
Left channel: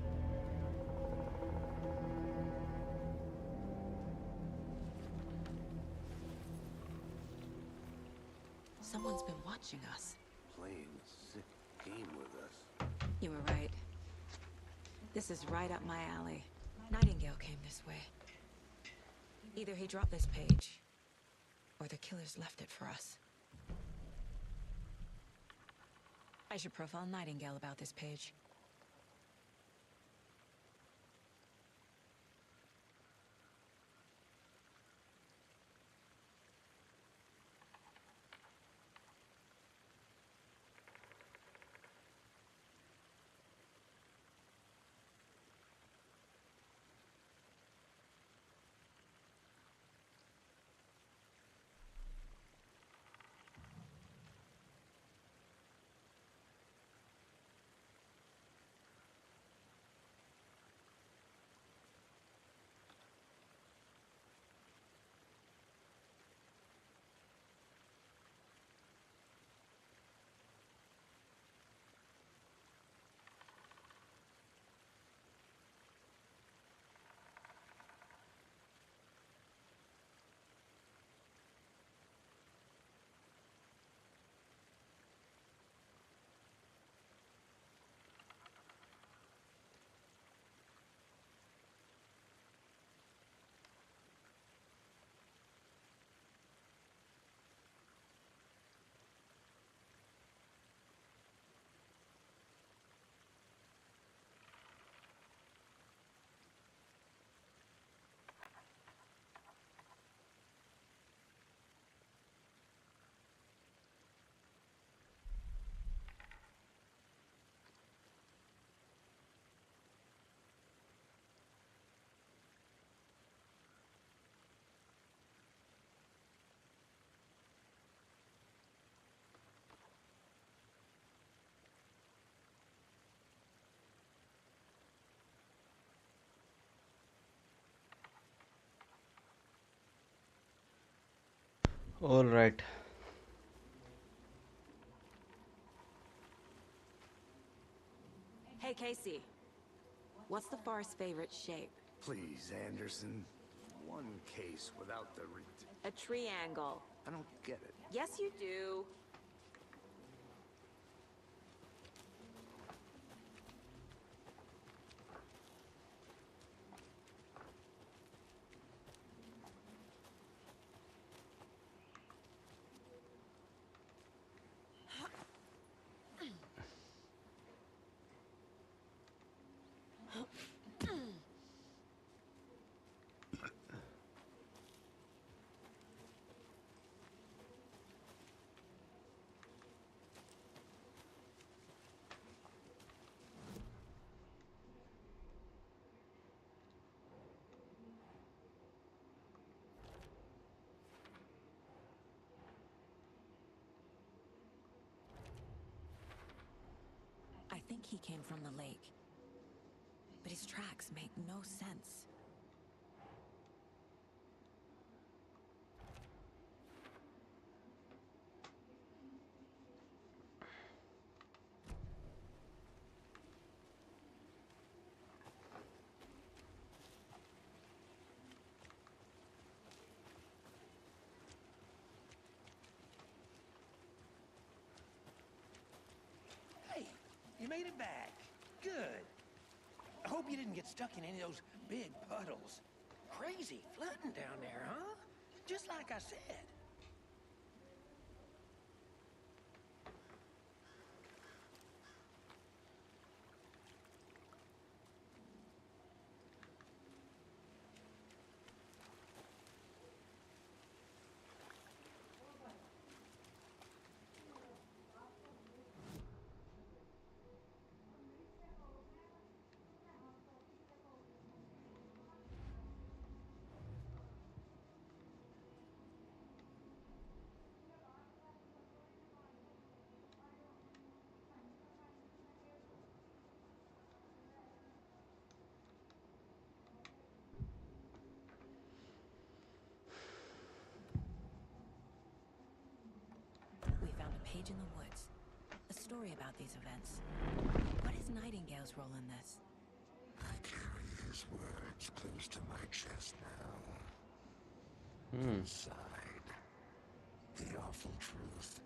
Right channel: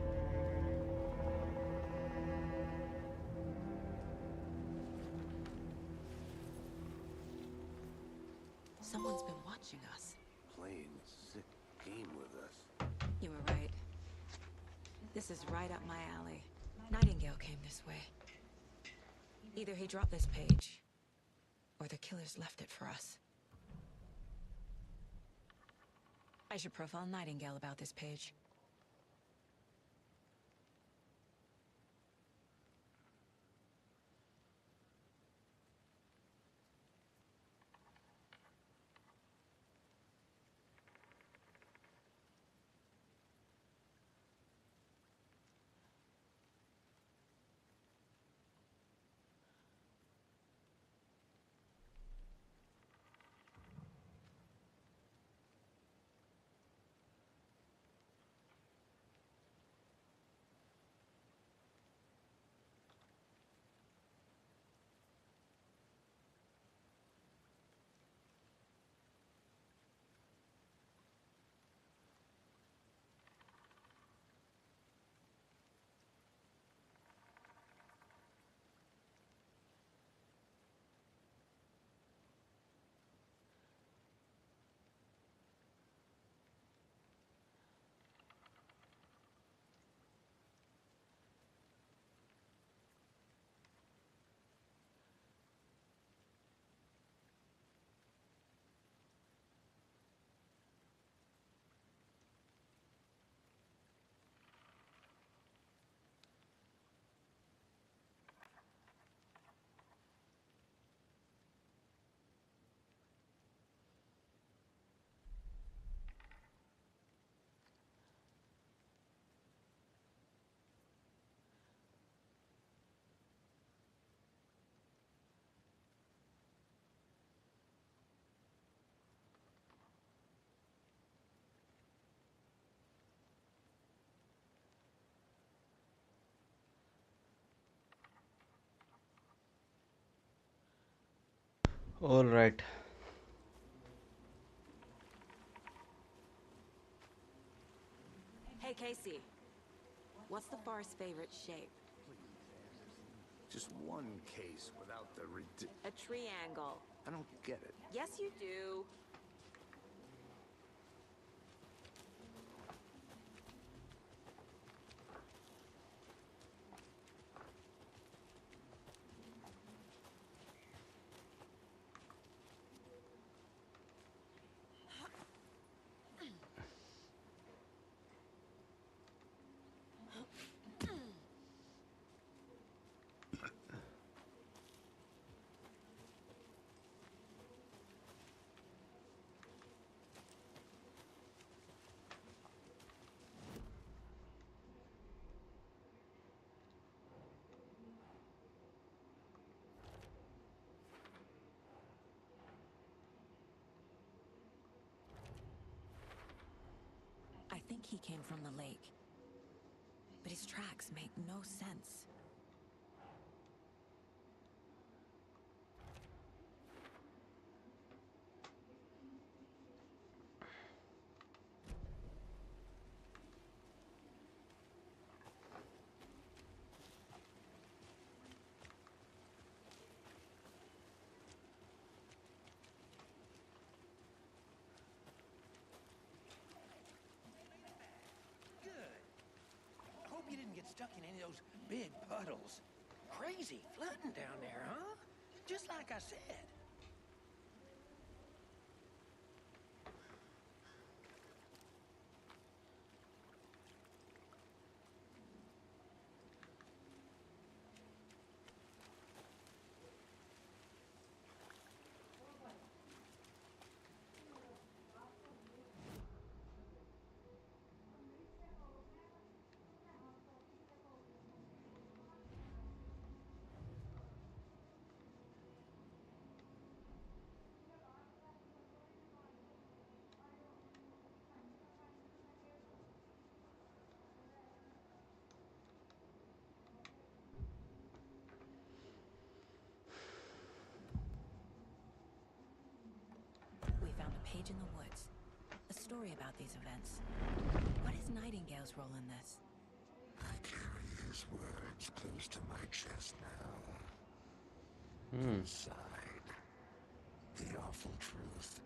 Someone's been watching us. Playing a sick game with us. You were right. This is right up my alley. Nightingale came this way. Either he dropped this page, or the killers left it for us. I should profile Nightingale about this page. All right. Hey, Casey. What's the far's favorite shape? Please, Anderson. Just one case without the A triangle. I don't get it. Yes, you do. I think he came from the lake. But his tracks make no sense. Hey, you made it back. Good. I hope you didn't get stuck in any of those big puddles. Crazy flooding down there, huh? Just like I said. page in the woods. A story about these events. What is Nightingale's role in this? I carry his words close to my chest now. Inside, the awful truth.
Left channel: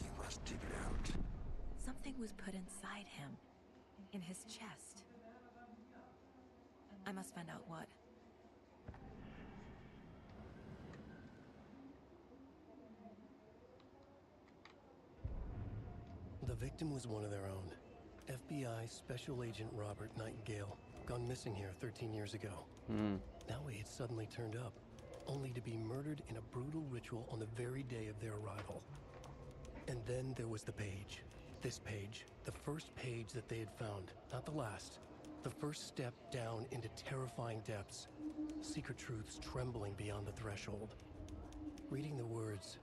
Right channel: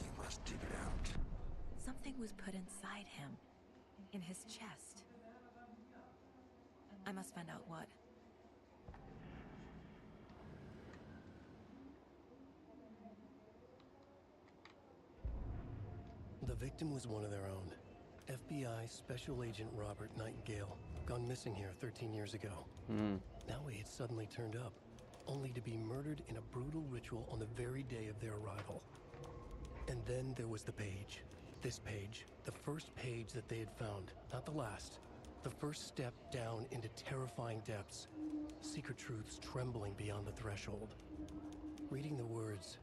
You must dig it out. Something was put inside him. In his chest. I must find out what. The victim was one of their own. FBI Special Agent Robert Nightingale, gone missing here 13 years ago. Now he had suddenly turned up, only to be murdered in a brutal ritual on the very day of their arrival. And then there was the page. This page, the first page that they had found, not the last. The first step down into terrifying depths. Secret truths trembling beyond the threshold. Reading the words,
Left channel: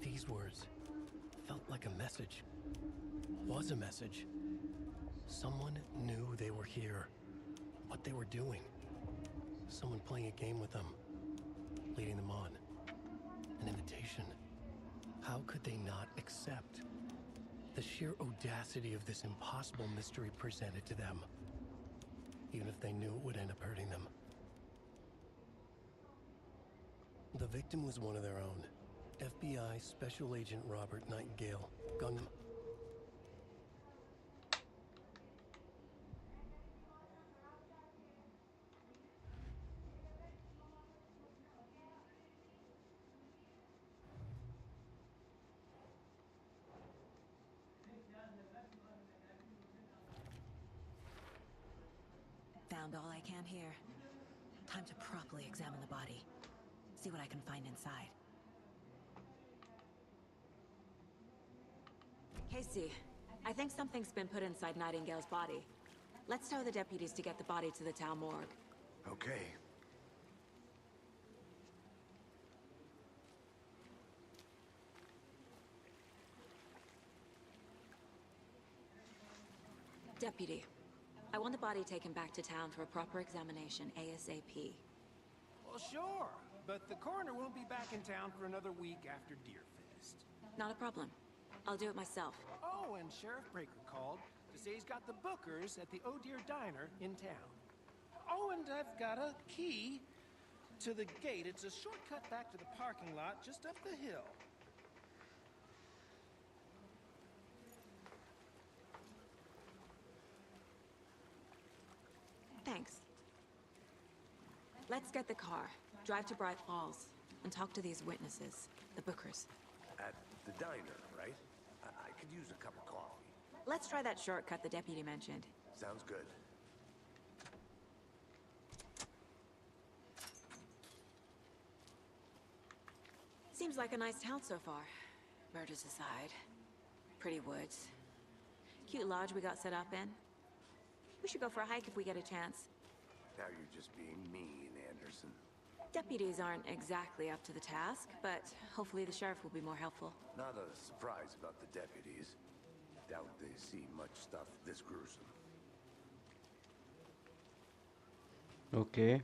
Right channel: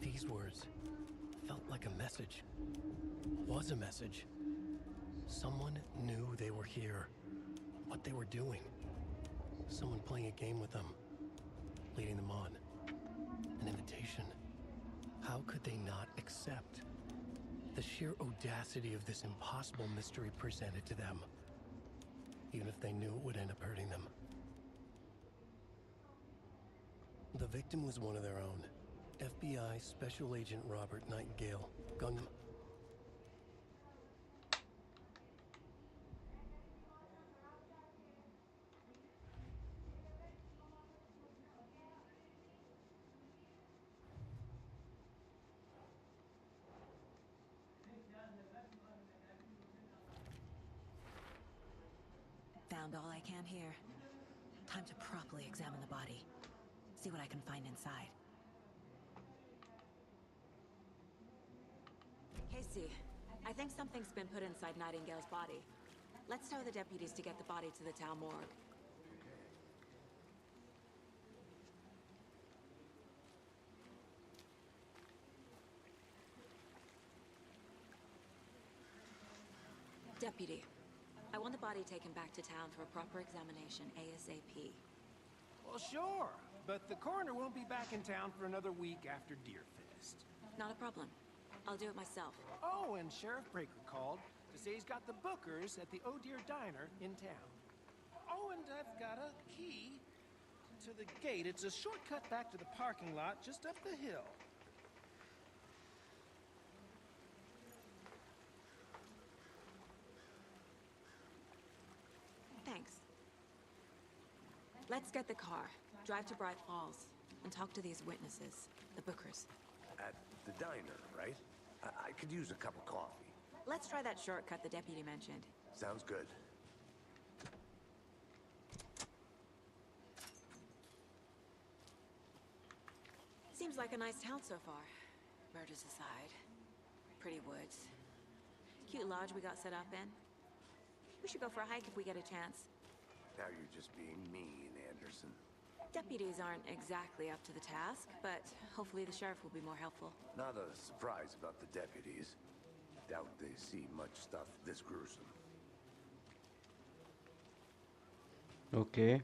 these words, felt like a message. Was a message. Someone knew they were here. What they were doing. Someone playing a game with them. Leading them on. An invitation. How could they not accept? The sheer audacity of this impossible mystery presented to them. Even if they knew it would end up hurting them. The victim was one of their own. FBI Special Agent Robert Nightingale. Gone... Found all I can here. Time to properly examine the body. See what I can find inside. Casey, I think something's been put inside Nightingale's body. Let's tell the deputies to get the body to the town morgue. Okay. Deputy, I want the body taken back to town for a proper examination ASAP. Well, sure, but the coroner won't be back in town for another week after Deerfest. Not a problem. I'll do it myself. Oh, and Sheriff Breaker called to say he's got the Bookers at the Oh Deer Diner in town. Oh, and I've got a key to the gate. It's a shortcut back to the parking lot just up the hill. Thanks. Let's get the car, drive to Bright Falls, and talk to these witnesses, the Bookers. At the diner, right? I could use a cup of coffee. Let's try that shortcut the deputy mentioned. Sounds good. Seems like a nice town so far. Murders aside. Pretty woods. Cute lodge we got set up in. We should go for a hike if we get a chance. Now you're just being mean, Anderson. Deputies aren't exactly up to the task, but hopefully the sheriff will be more helpful. Not a surprise about the deputies. Doubt they see much stuff this gruesome. Okay.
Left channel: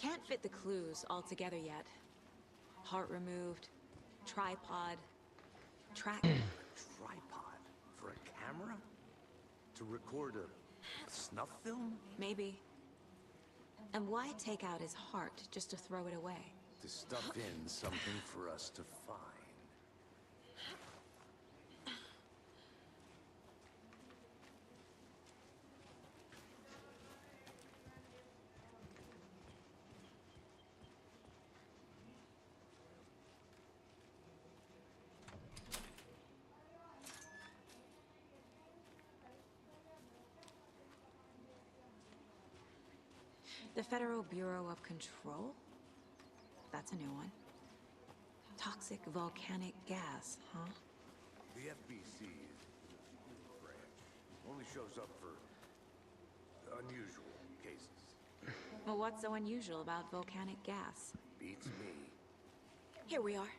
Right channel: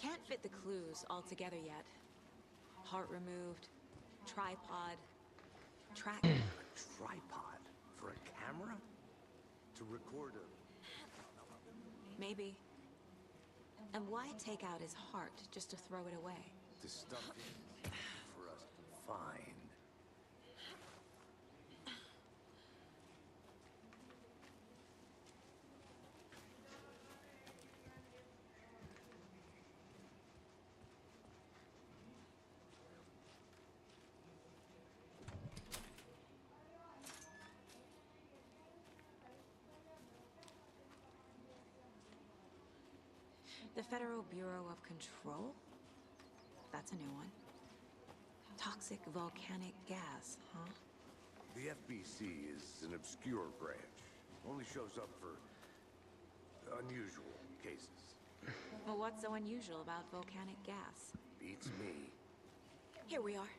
Can't fit the clues all together yet. Heart removed, tripod, track. Tripod? For a camera? To record a snuff film? Maybe. And why take out his heart just to throw it away? To stuff in something for us to find. The Federal Bureau of Control? That's a new one. Toxic volcanic gas, huh? The FBC is an obscure branch. Only shows up for unusual cases. Well, what's so unusual about volcanic gas? Beats me. Here we are.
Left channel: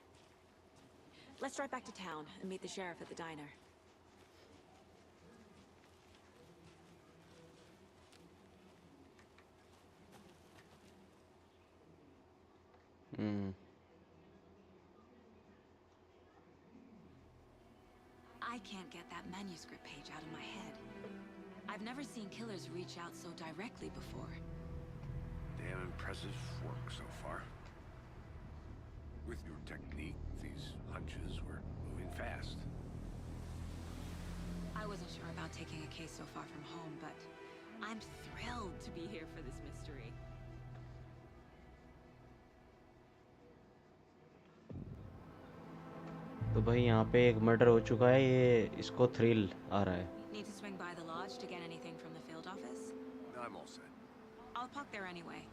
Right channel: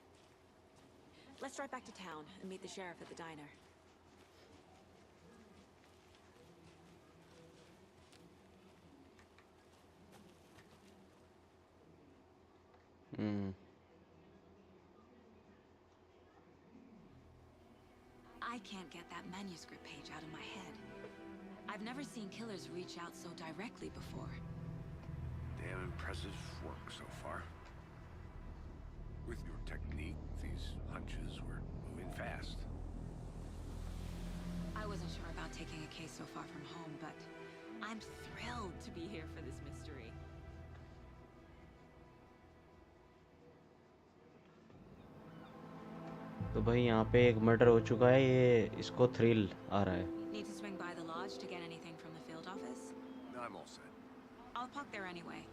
Let's drive back to town and meet the sheriff at the diner. I can't get that manuscript page out of my head. I've never seen killers reach out so directly before. Damn impressive work so far. With your technique, these hunches were moving fast. I wasn't sure about taking a case so far from home, but I'm thrilled to be here for this mystery. तो भाई यहाँ पे एक murder हो चुका है, ये इसको थ्रिल आ रहा है. Need to swing by the lodge to get anything from the field office? I'm all set. I'll park there anyway.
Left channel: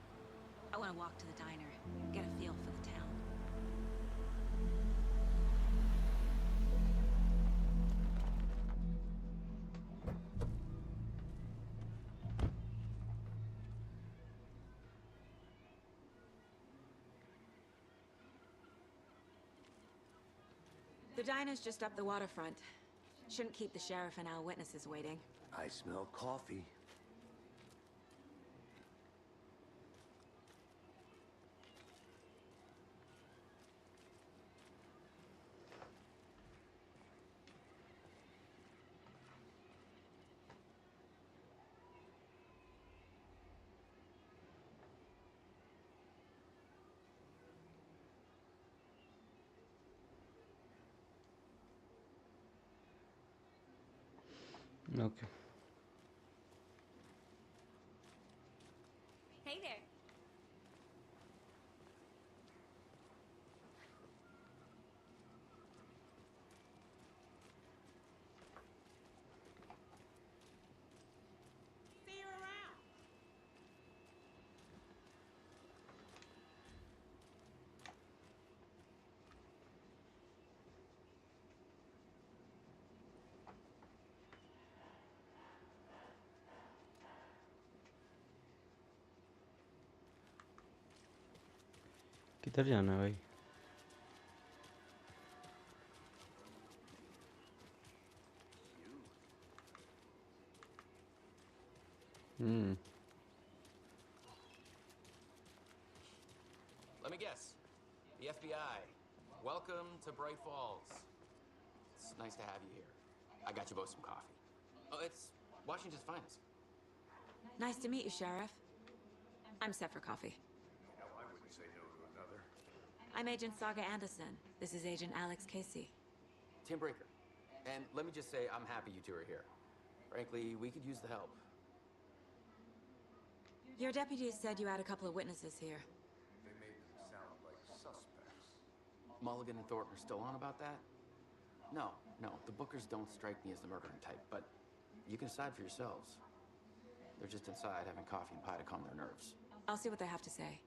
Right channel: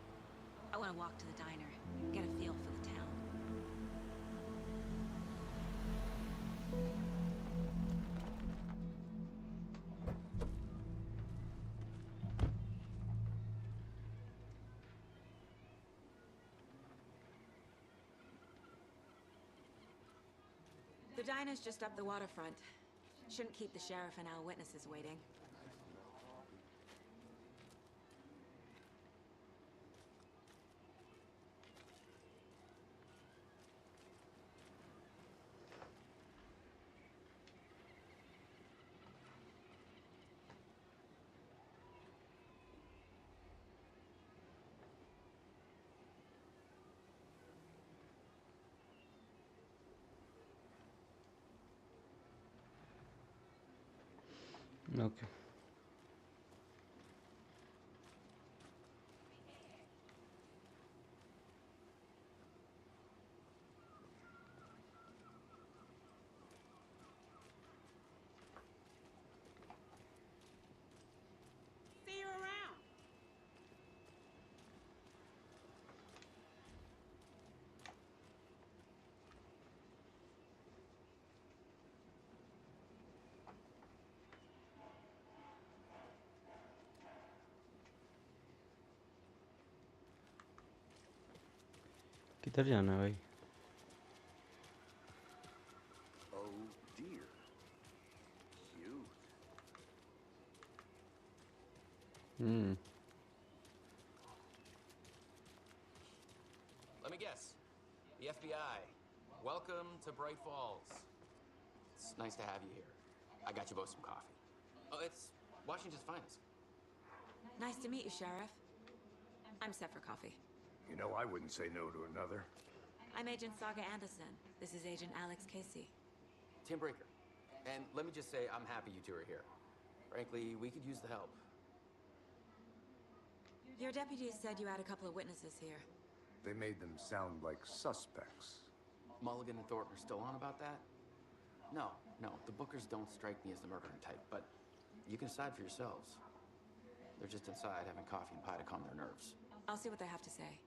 I want to walk to the diner, get a feel for the town. The diner's just up the waterfront. Shouldn't keep the sheriff and our witnesses waiting. I smell coffee. Okay. Hey there. See you around. किधर जाना है भाई? Oh dear. Cute. Let me guess. The FBI. Welcome to Bright Falls. It's nice to have you here. I got you both some coffee. Oh, it's Washington's finest. Nice to meet you, Sheriff. I'm set for coffee. You know, I wouldn't say no to another. I'm Agent Saga Anderson. This is Agent Alex Casey. Tim Breaker. And let me just say, I'm happy you two are here. Frankly, we could use the help. Your deputies said you had a couple of witnesses here. They made them sound like suspects. Mulligan and Thornton are still on about that? No, the Bookers don't strike me as the murdering type, but you can decide for yourselves. They're just inside having coffee and pie to calm their nerves. I'll see what they have to say.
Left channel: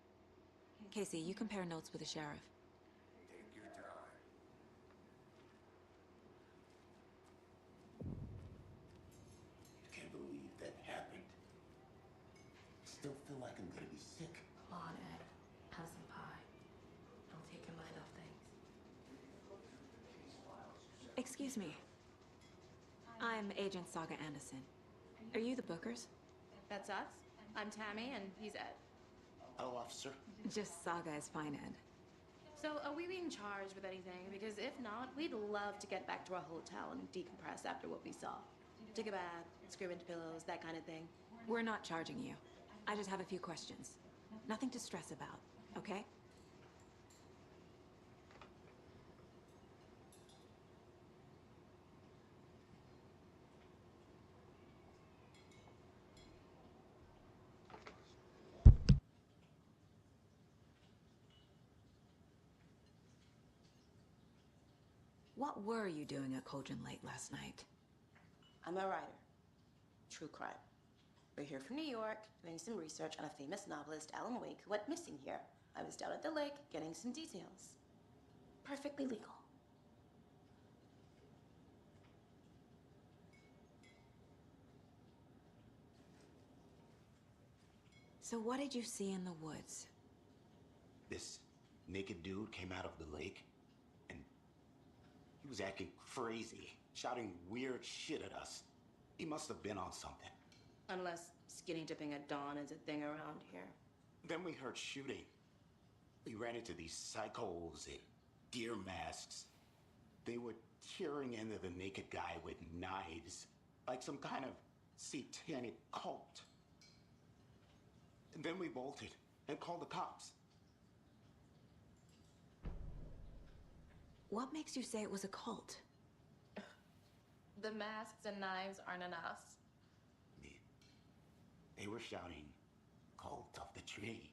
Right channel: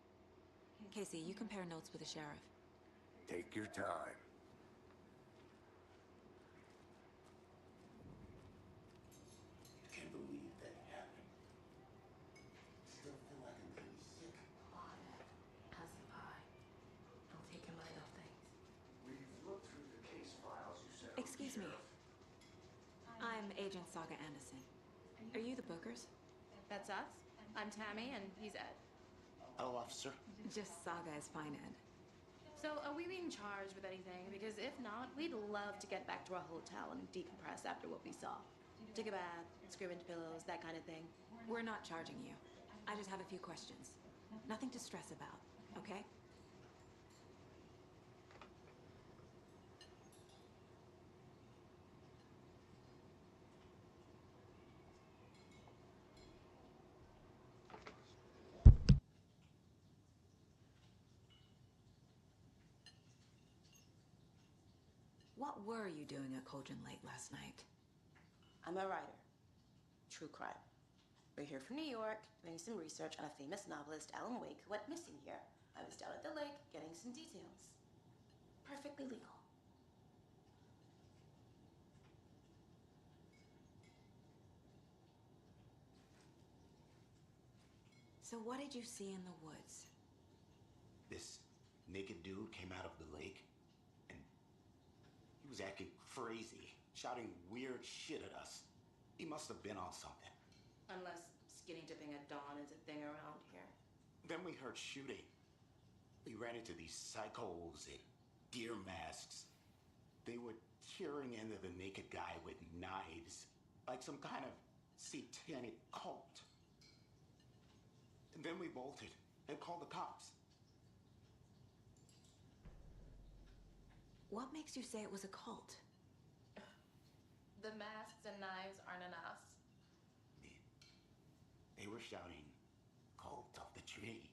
Casey, you compare notes with the sheriff. Take your time. Can't believe that happened. Still feel like I'm gonna be sick. Come on, Ed. Have some pie. Don't take your mind off things. Excuse me. I'm Agent Saga Anderson. Are you the Bookers? That's us. I'm Tammy, and he's Ed. Hello, officer. Just Saga is fine, Ed. So, are we being charged with anything? Because if not, we'd love to get back to our hotel and decompress after what we saw. Take a bath, scream into pillows, that kind of thing. We're not charging you. I just have a few questions. Nothing to stress about, okay? What were you doing at Cauldron Lake last night? I'm a writer. True crime. We're here from New York, doing some research on a famous novelist, Alan Wake, who went missing here. I was down at the lake, getting some details. Perfectly legal. So what did you see in the woods? This naked dude came out of the lake, and he was acting crazy, shouting weird shit at us. He must have been on something. Unless skinny dipping at dawn is a thing around here. Then we heard shooting. We ran into these psychos in deer masks. They were tearing into the naked guy with knives, like some kind of satanic cult. And then we bolted and called the cops. What makes you say it was a cult? The masks and knives aren't enough. They were shouting, "Cult of the tree,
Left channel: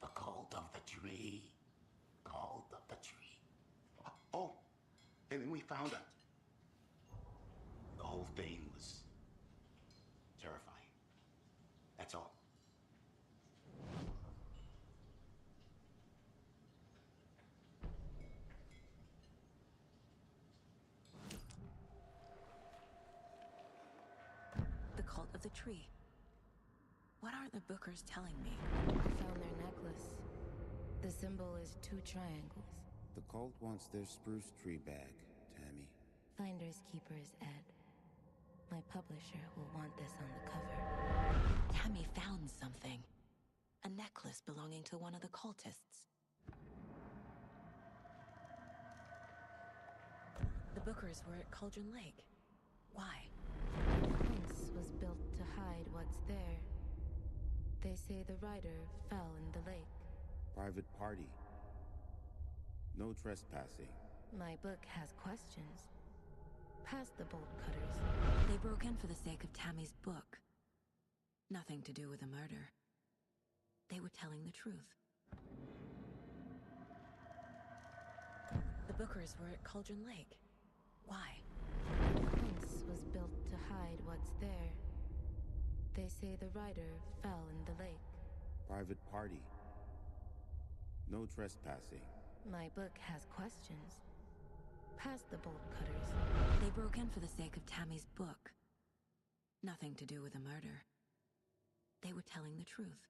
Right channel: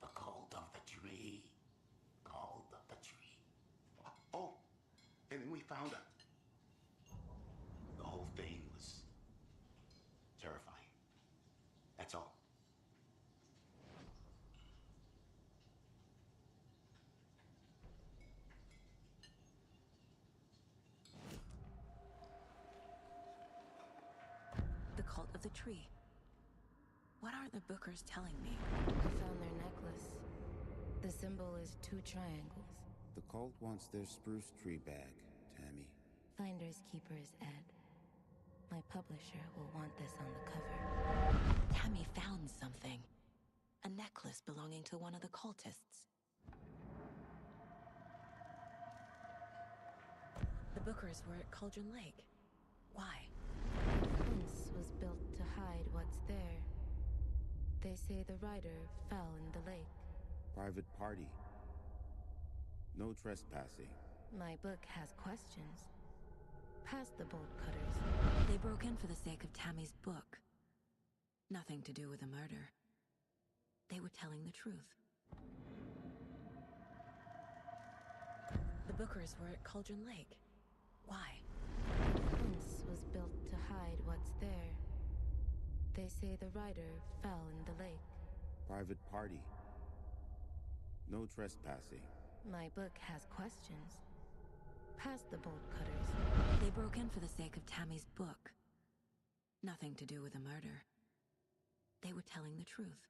the cult of the tree, cult of the tree." Oh, and then we found out. The whole thing was terrifying. That's all. The cult of the tree. What are the Bookers telling me? I found their necklace. The symbol is 2 triangles. The cult wants their spruce tree back, Tammy. Finders keepers, Ed. My publisher will want this on the cover. Tammy found something. A necklace belonging to one of the cultists. The Bookers were at Cauldron Lake. Why? The fence was built to hide what's there. They say the rider fell in the lake. Private party. No trespassing. My book has questions. Past the bolt cutters. They broke in for the sake of Tammy's book. Nothing to do with the murder. They were telling the truth. The Bookers were at Cauldron Lake. Why? The fence was built to hide what's there. They say the rider fell in the lake. Private party. No trespassing. My book has questions. Past the bolt cutters. They broke in for the sake of Tammy's book. Nothing to do with the murder. They were telling the truth.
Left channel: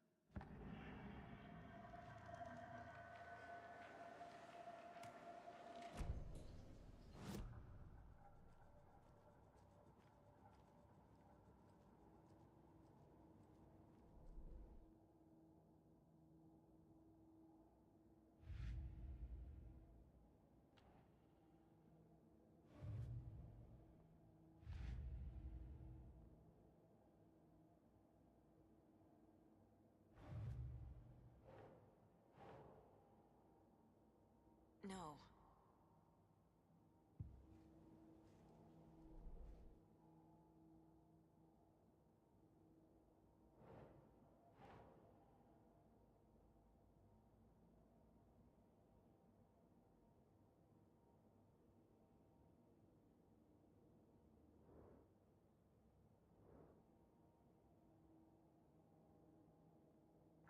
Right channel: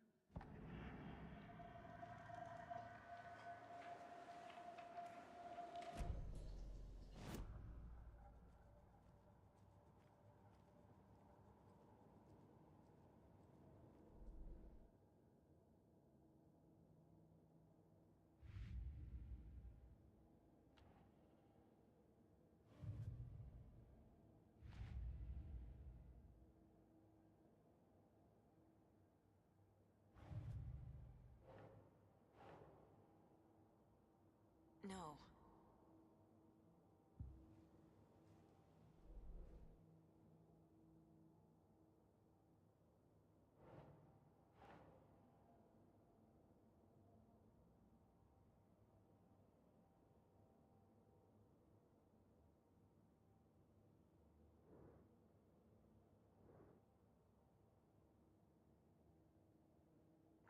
No.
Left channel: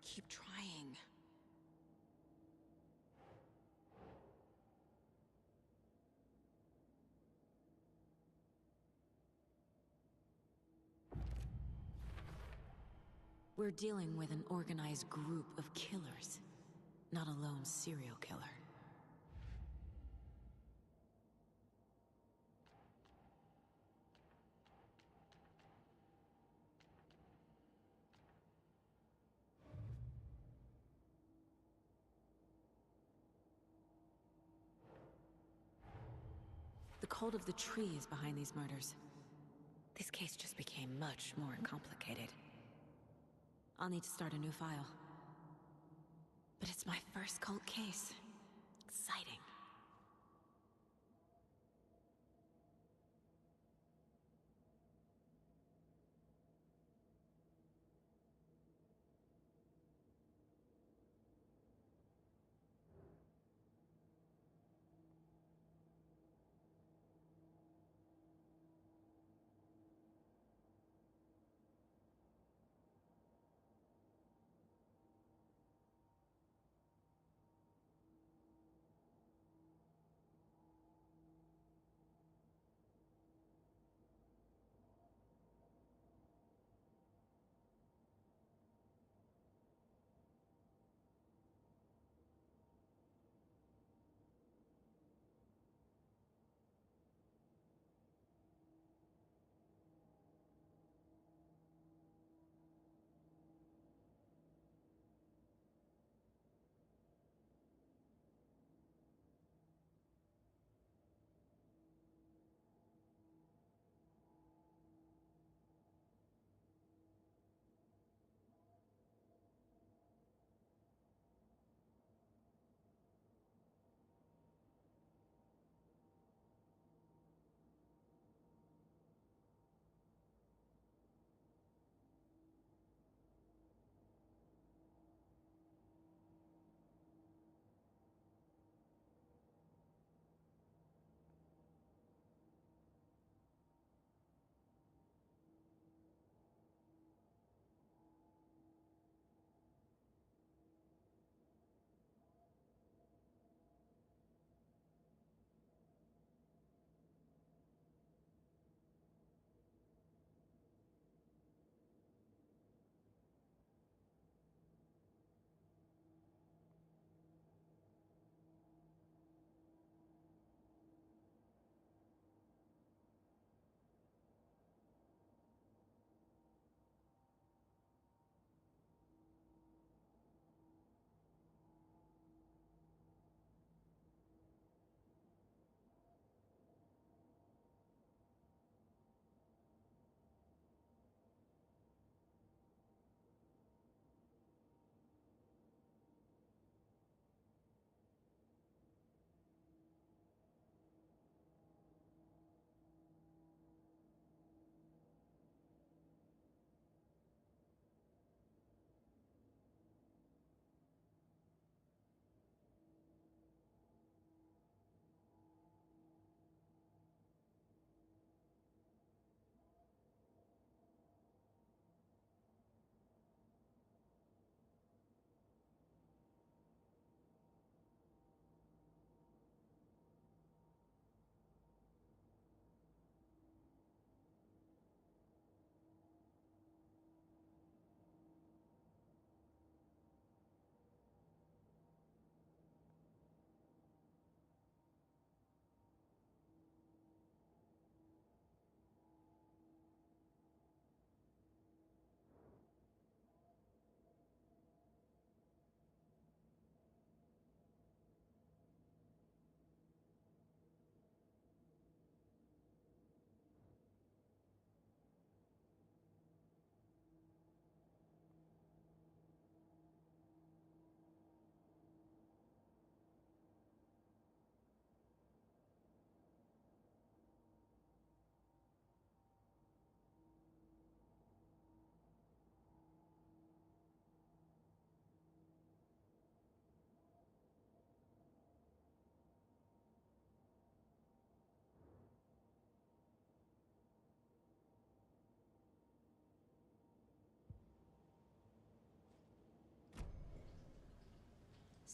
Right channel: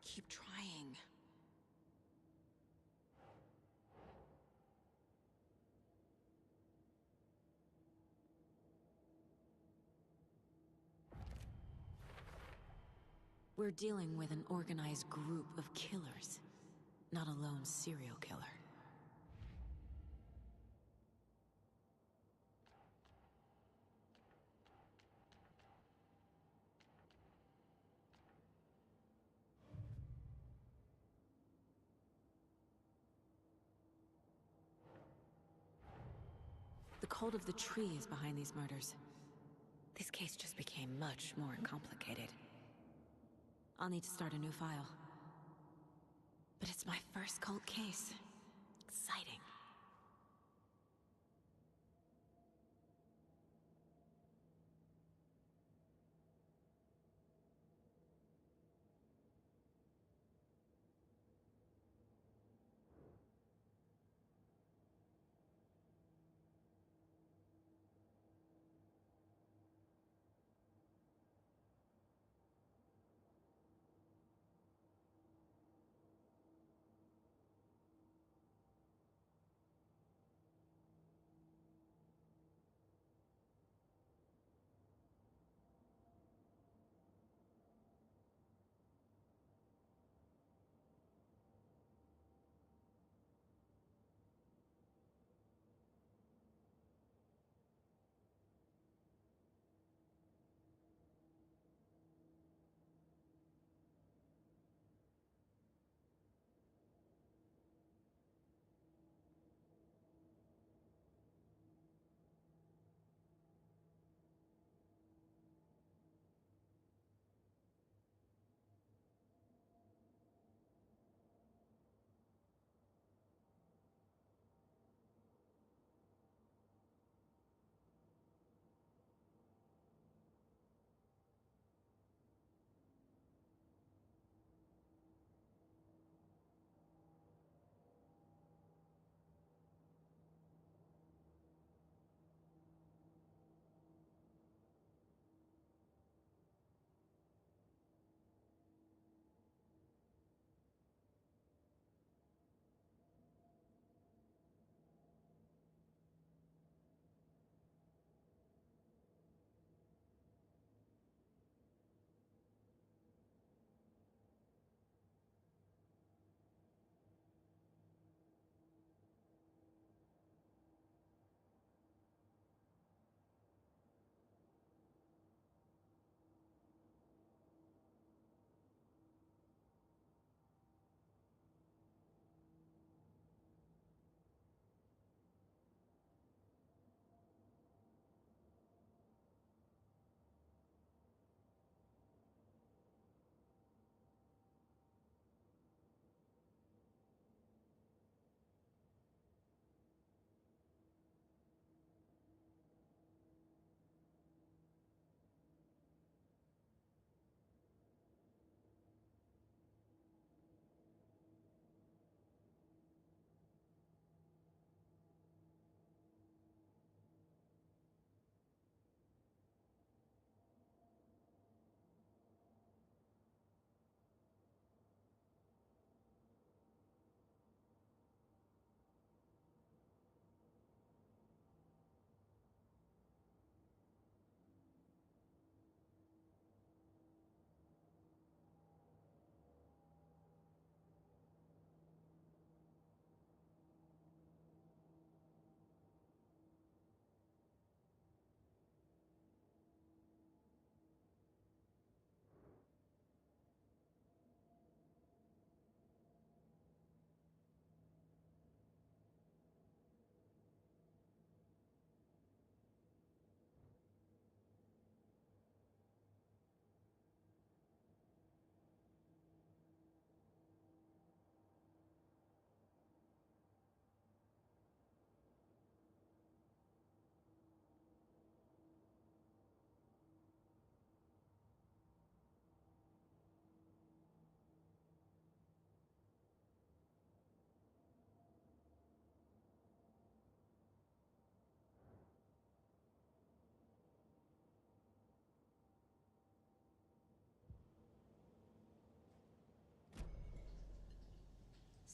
Keep trying. We're dealing with an organized group of killers, not a lone serial killer. The cult of the tree is behind these murders. This case just became much more complicated. I'll need to start a new file. But it's my first cult case. Exciting.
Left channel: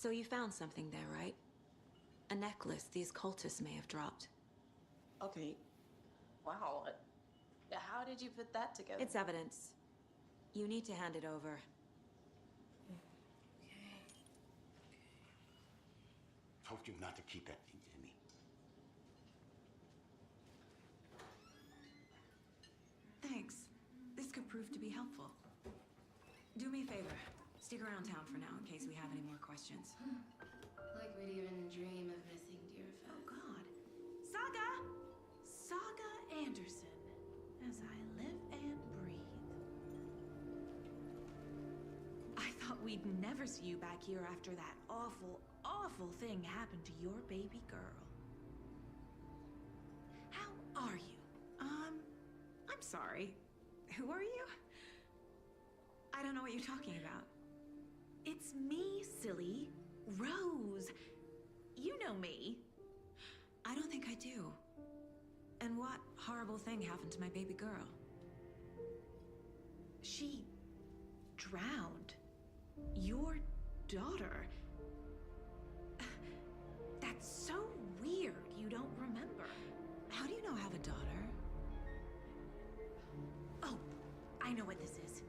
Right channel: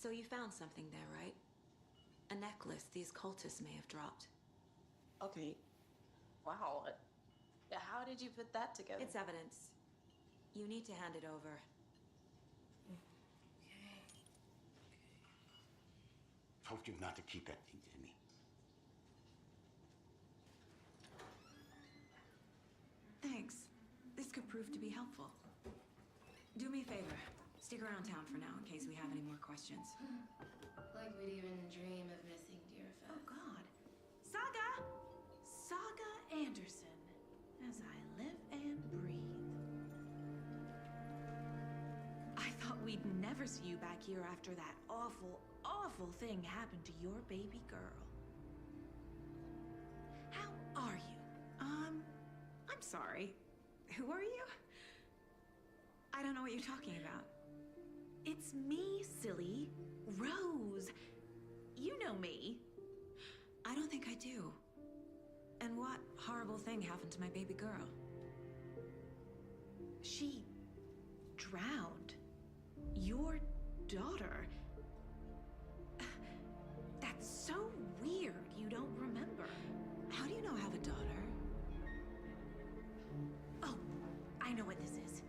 So you found something there, right? A necklace these cultists may have dropped. Okay. Wow. How did you put that together? It's evidence. You need to hand it over. Told you not to keep that thing to me. Thanks. This could prove to be helpful. Do me a favor. Stick around town for now in case we have any more questions. Like we'd even dream of missing Deerfest. Oh, God. Saga! Saga Anderson. As I live and breathe. I thought we'd never see you back here after that awful, awful thing happened to your baby girl. How are you? I'm sorry. Who are you? I don't know what you're talking about. It's me, silly. Rose. You know me. I don't think I do. And what horrible thing happened to my baby girl? She drowned. Your daughter. That's so weird you don't remember. How do you know I have a daughter? Oh, I know what this is.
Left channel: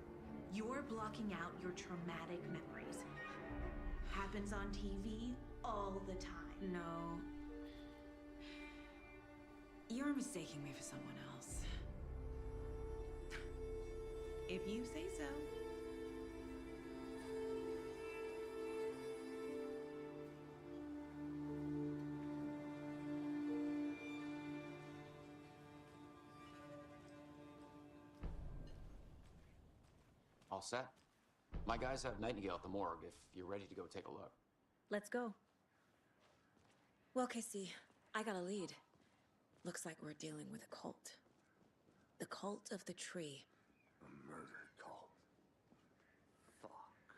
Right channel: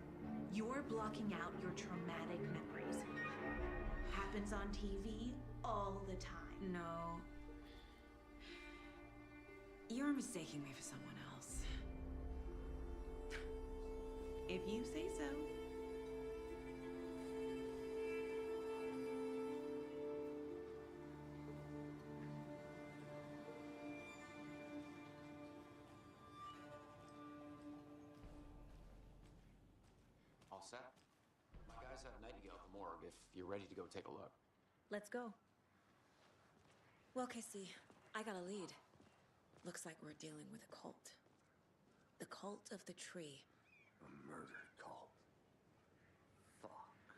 You're blocking out your traumatic memories. Happens on TV all the time. No. You're mistaking me for someone else. If you say so. All set? My guys have Nightingale at the morgue if you're ready to go take a look. Let's go. Well, Casey, I got a lead. Looks like we're dealing with a cult. The Cult of the Tree. A murder cult. Fuck.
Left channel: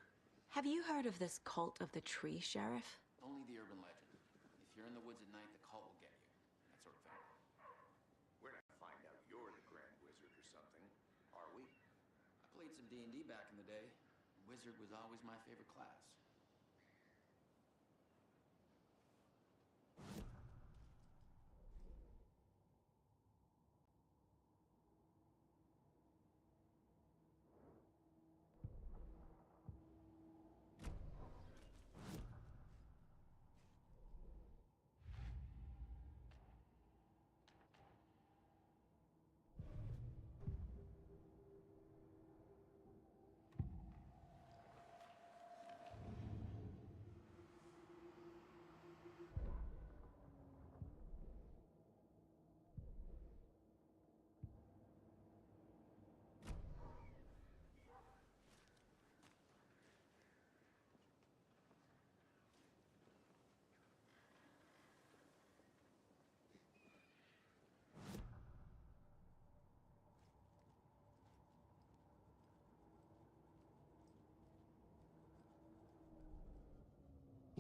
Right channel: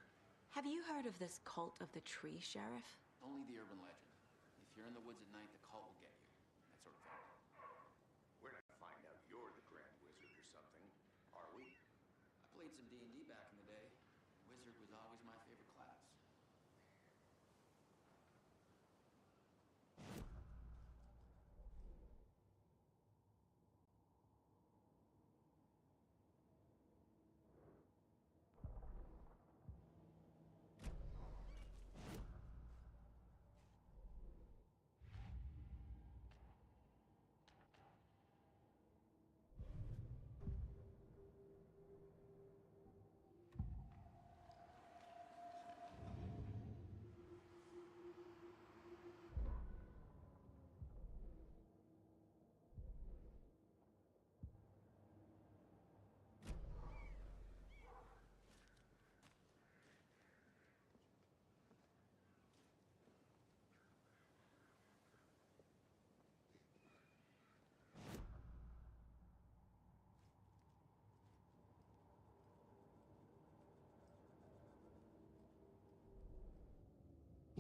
Have you heard of this Cult of the Tree, Sheriff? Only the urban legend. If you're in the woods at night, the cult will get you. That sort of thing. We're not to find out you're the Grand Wizard or something, are we? I played some D&D back in the day. Wizard was always my favorite class.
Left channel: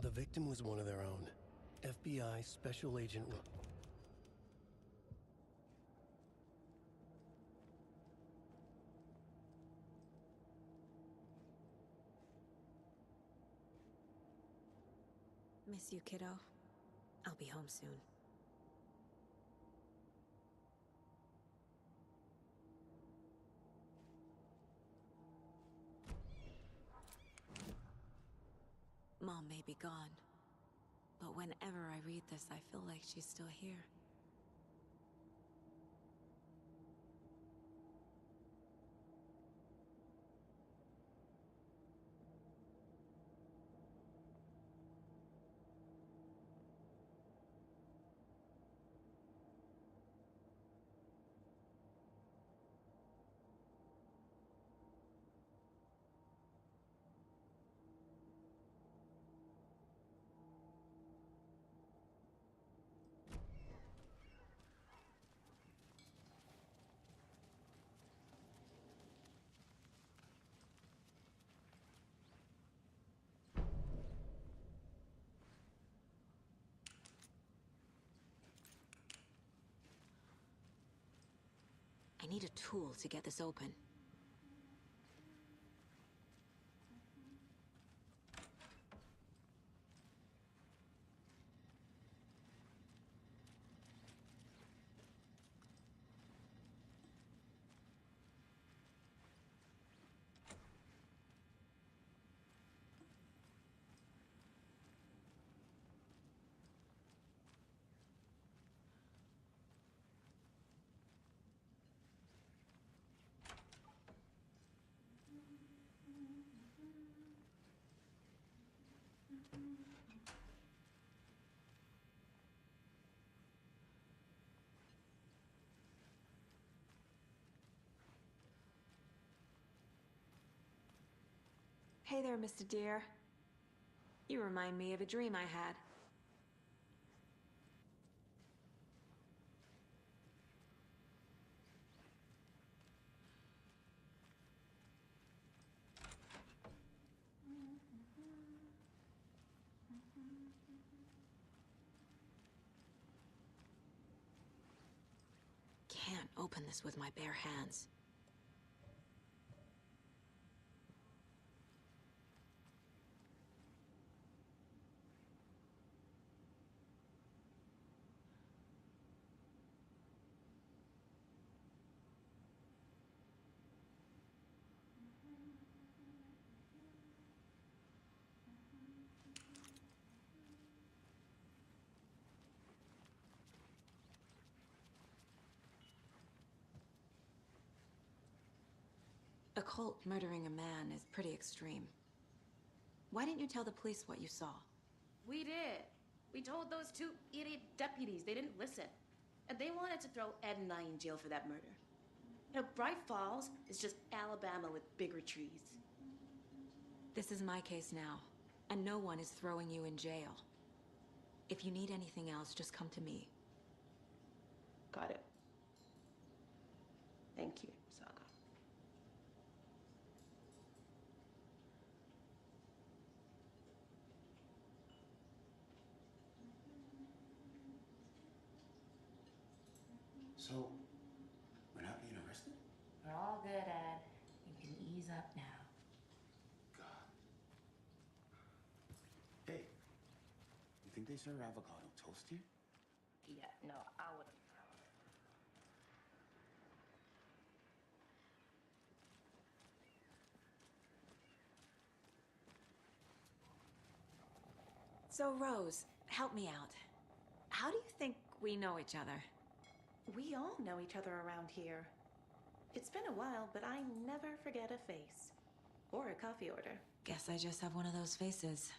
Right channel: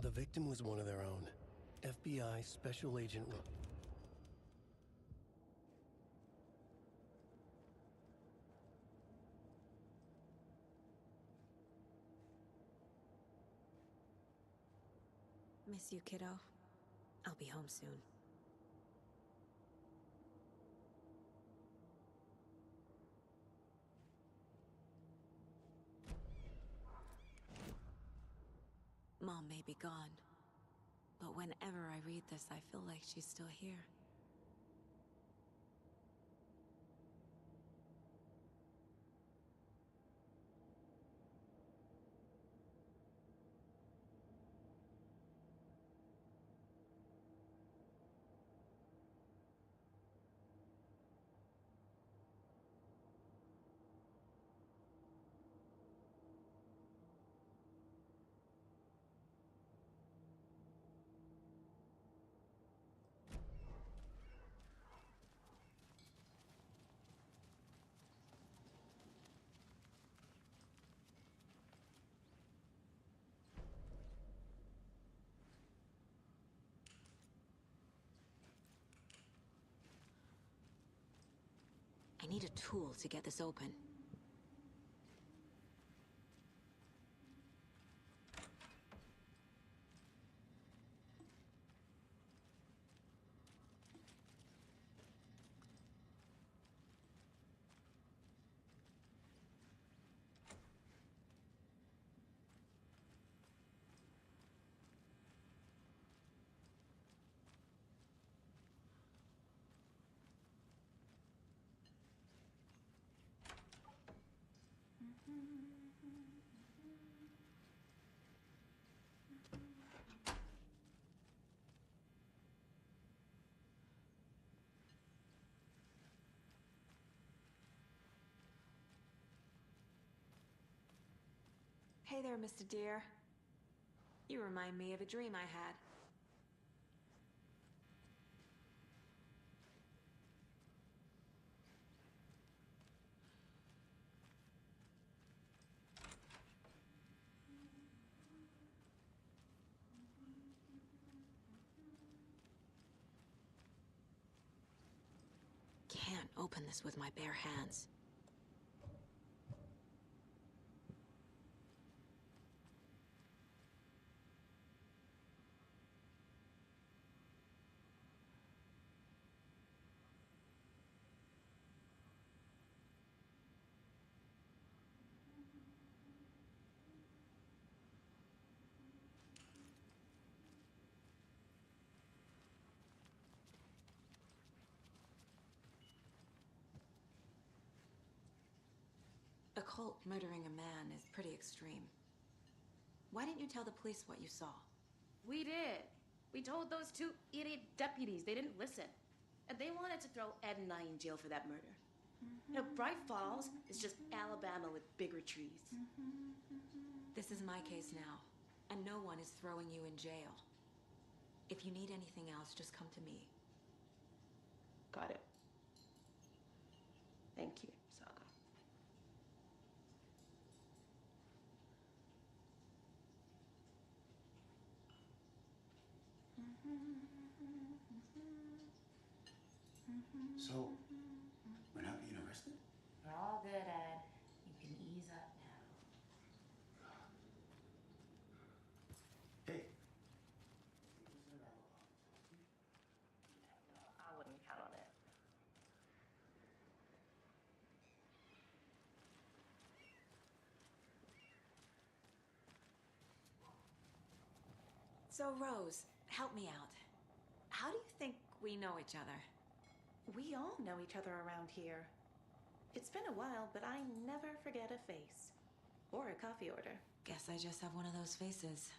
The victim was one of their own. FBI Special Agent Miss you, kiddo. I'll be home soon. Mom may be gone, but whenever I read this, I feel like she's still here. I need a tool to get this open. Hey there, Mr. Deer. You remind me of a dream I had. Can't open this with my bare hands. A cult murdering a man is pretty extreme. Why didn't you tell the police what you saw? We did. We told those two idiot deputies. They didn't listen. And they wanted to throw Ed and I in jail for that murder. You know, Bright Falls is just Alabama with bigger trees. This is my case now, and no one is throwing you in jail. If you need anything else, just come to me. Got it. Thank you, Saga. So, we're not being arrested? We're all good, Ed. You can ease up now. Hey, you think they serve avocado toast here? Yeah, no, I wouldn't count on it. So, Rose, help me out. How do you think we know each other? We all know each other around here. It's been a while, but I never forget a face. Or a coffee order. Guess I just have one of those faces.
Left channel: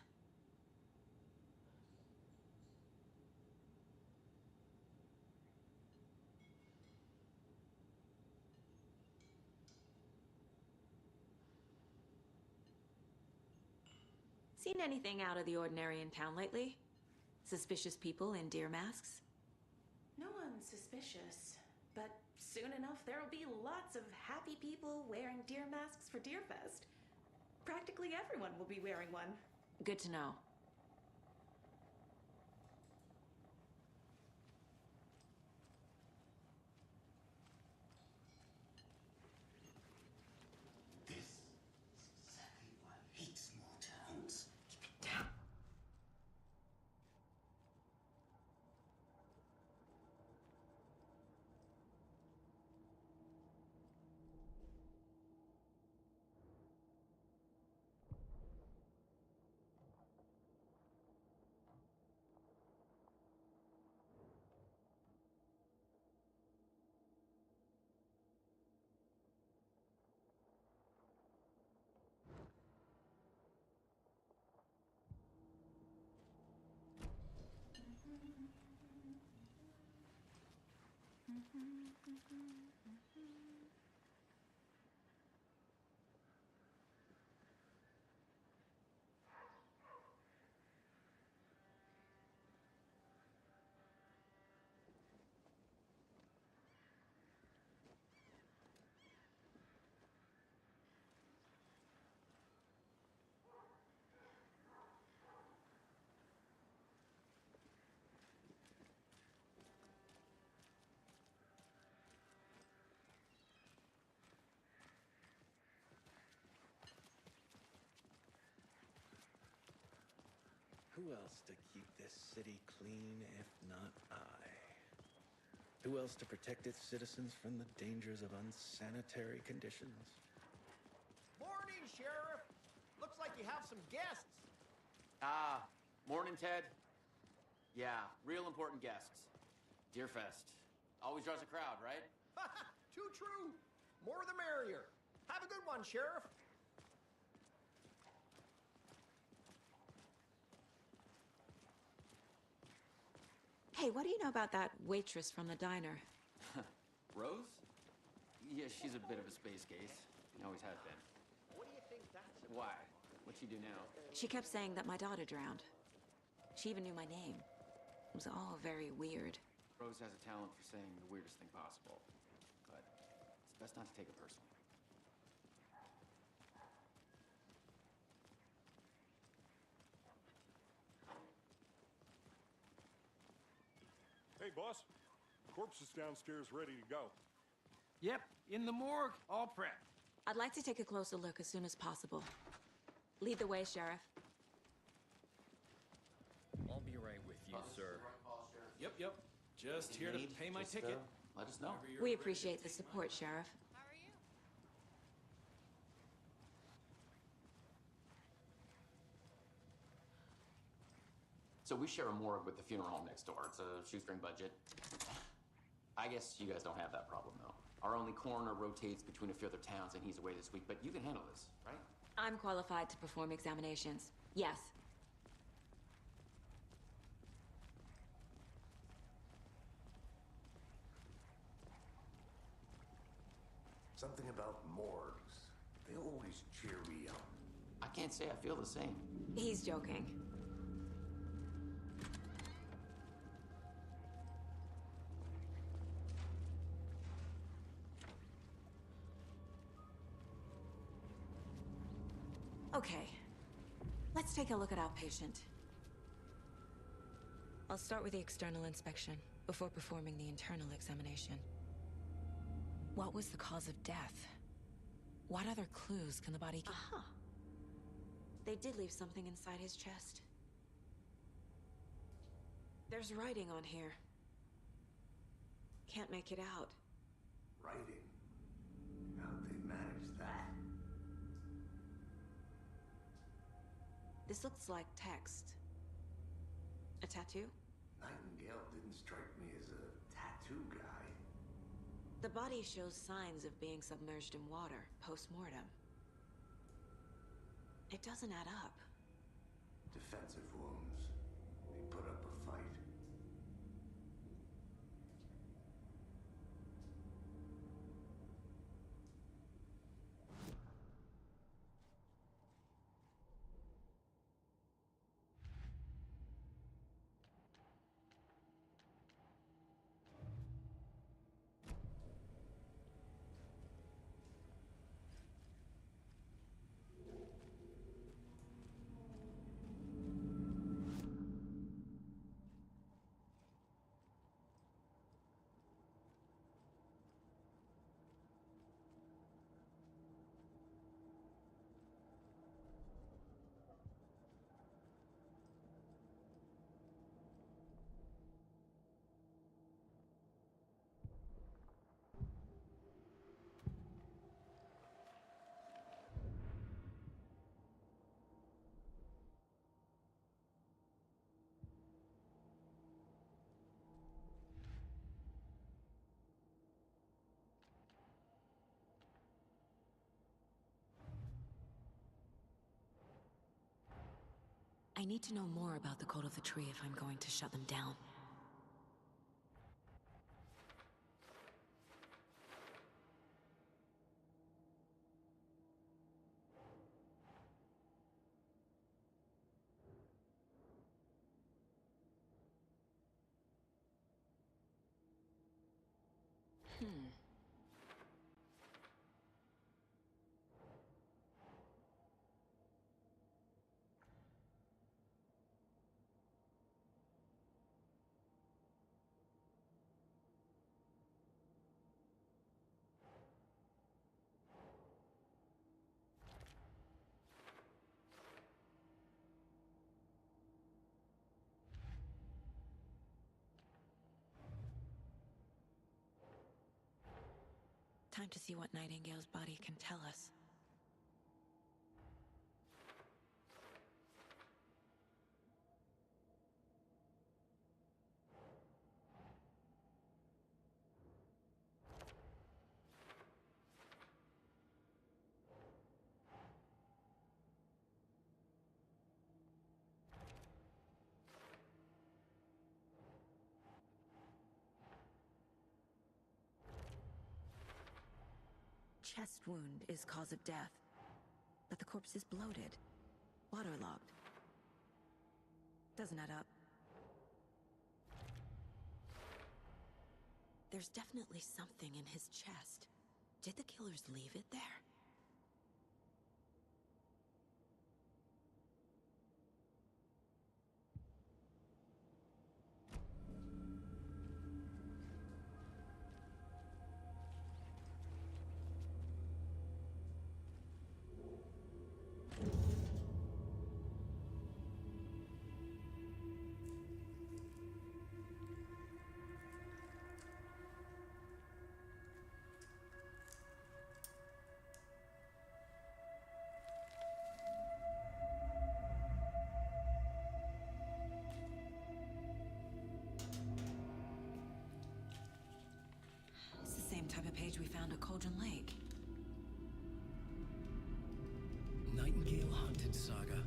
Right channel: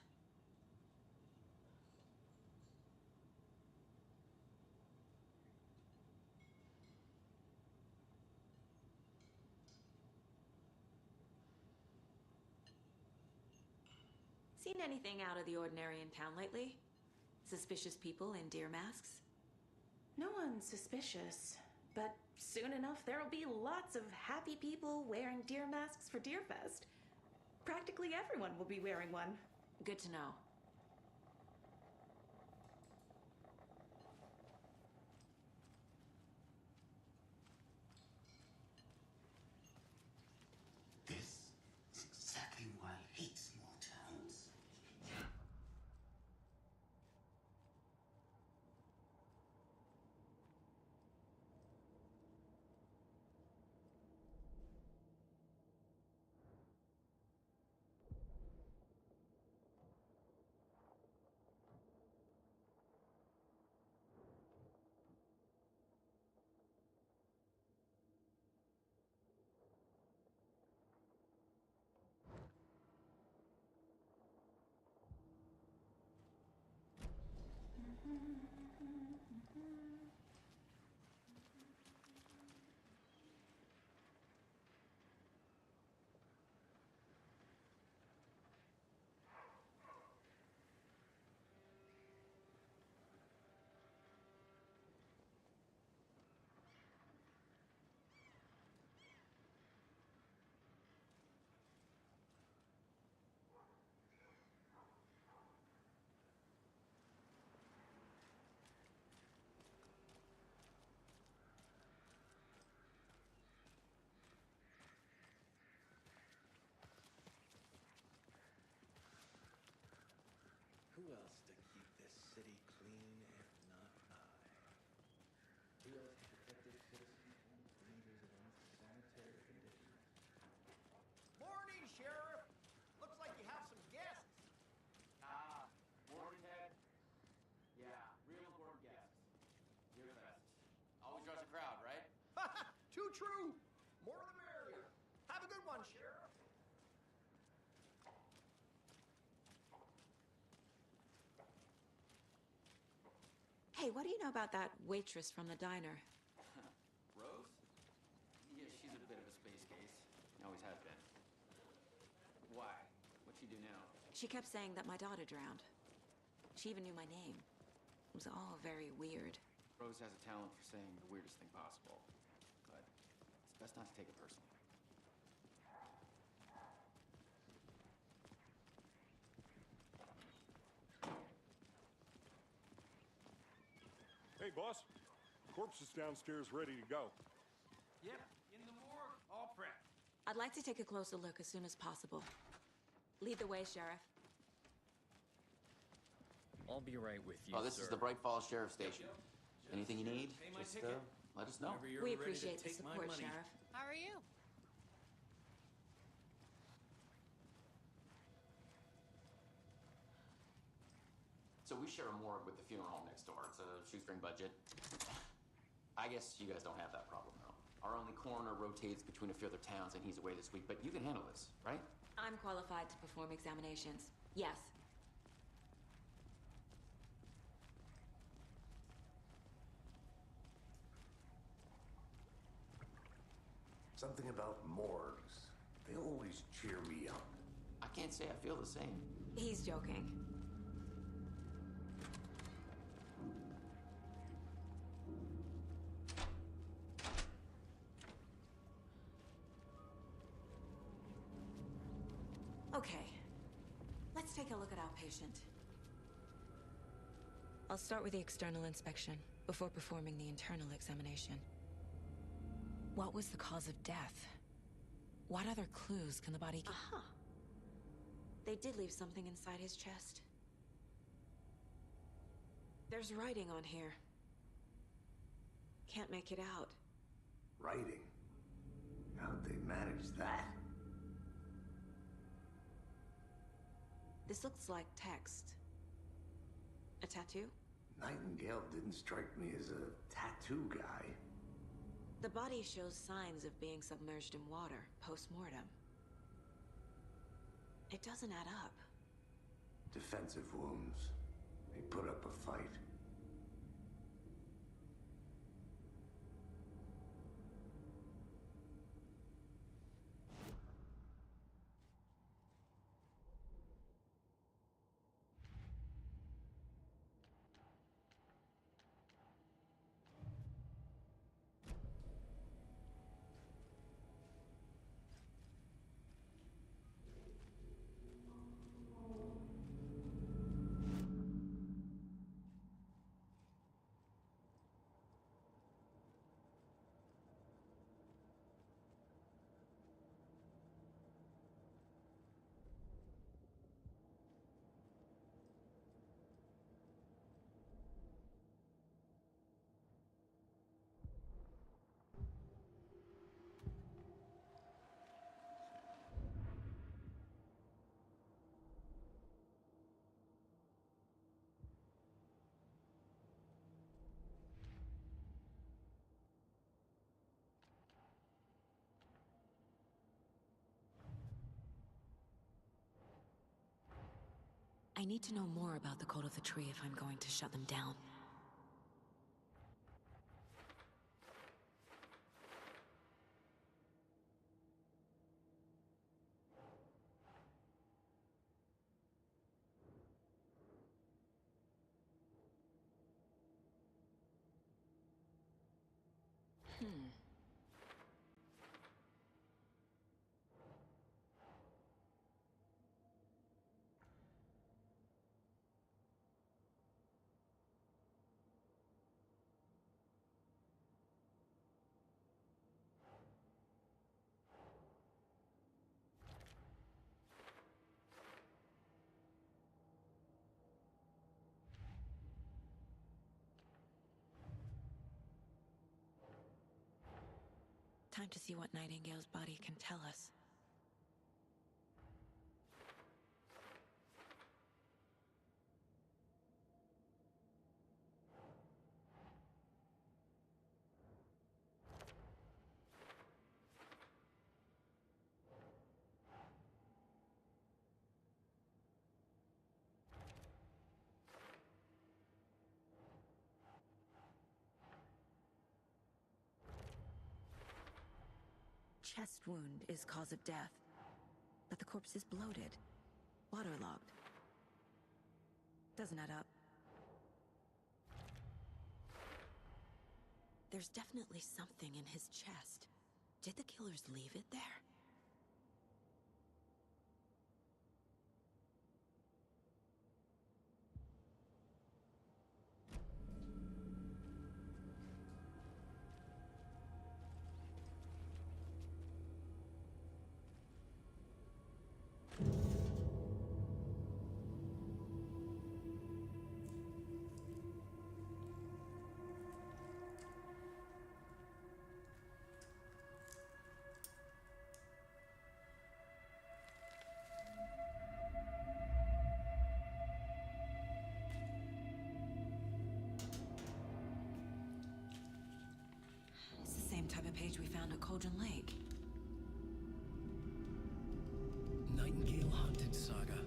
Seen anything out of the ordinary in town lately? Suspicious people in deer masks? No one's suspicious, but soon enough there'll be lots of happy people wearing deer masks for Deerfest. Practically everyone will be wearing one. Good to know. This is exactly why I hate small towns. Who else to keep this city clean if not I? Who else to protect its citizens from the dangers of unsanitary conditions? Morning, Sheriff! Looks like you have some guests. Morning, Ted. Yeah, real important guests. Deerfest. Always draws a crowd, right? Too true. More the merrier. Have a good one, Sheriff. Hey, what do you know about that waitress from the diner? Rose? Yeah, she's a bit of a space case. Always has been. Why? What'd she do now? She kept saying that my daughter drowned. She even knew my name. It was all very weird. Rose has a talent for saying the weirdest thing possible. But it's best not to take it personally. Hey, boss. Corpse is downstairs ready to go. Yep, in the morgue, all prepped. I'd like to take a closer look as soon as possible. Lead the way, Sheriff. I'll be right with you, Oh, this is the Bright Falls Sheriff Station. Yep. Just Anything here you to need? pay my Just, ticket. let us know. Whenever you're We ready to appreciate the take my support, money. Sheriff. How are you? So we share a morgue with the funeral home next door. It's a shoestring budget. I guess you guys don't have that problem, though. Our only coroner rotates between a few other towns, and he's away this week, but you can handle this, right? I'm qualified to perform examinations. Yes. Something about morgues. They always cheer me up. I can't say I feel the same. He's joking. Okay. Let's take a look at our patient. I'll start with the external inspection before performing the internal examination. What was the cause of death? What other clues can the body give? Aha! They did leave something inside his chest. There's writing on here. Can't make it out. Writing? How'd they manage that? This looks like text. A tattoo? Nightingale didn't strike me as a tattoo guy. The body shows signs of being submerged in water post-mortem. It doesn't add up. Defensive wounds. He put up a fight. I need to know more about the code of the tree if I'm going to shut them down. Time to see what Nightingale's body can tell us. Chest wound is cause of death, but the corpse is bloated. Waterlogged. Doesn't add up. There's definitely something in his chest. Did the killers leave it there? Same type of page we found at Cauldron Lake. Nightingale hunted Saga.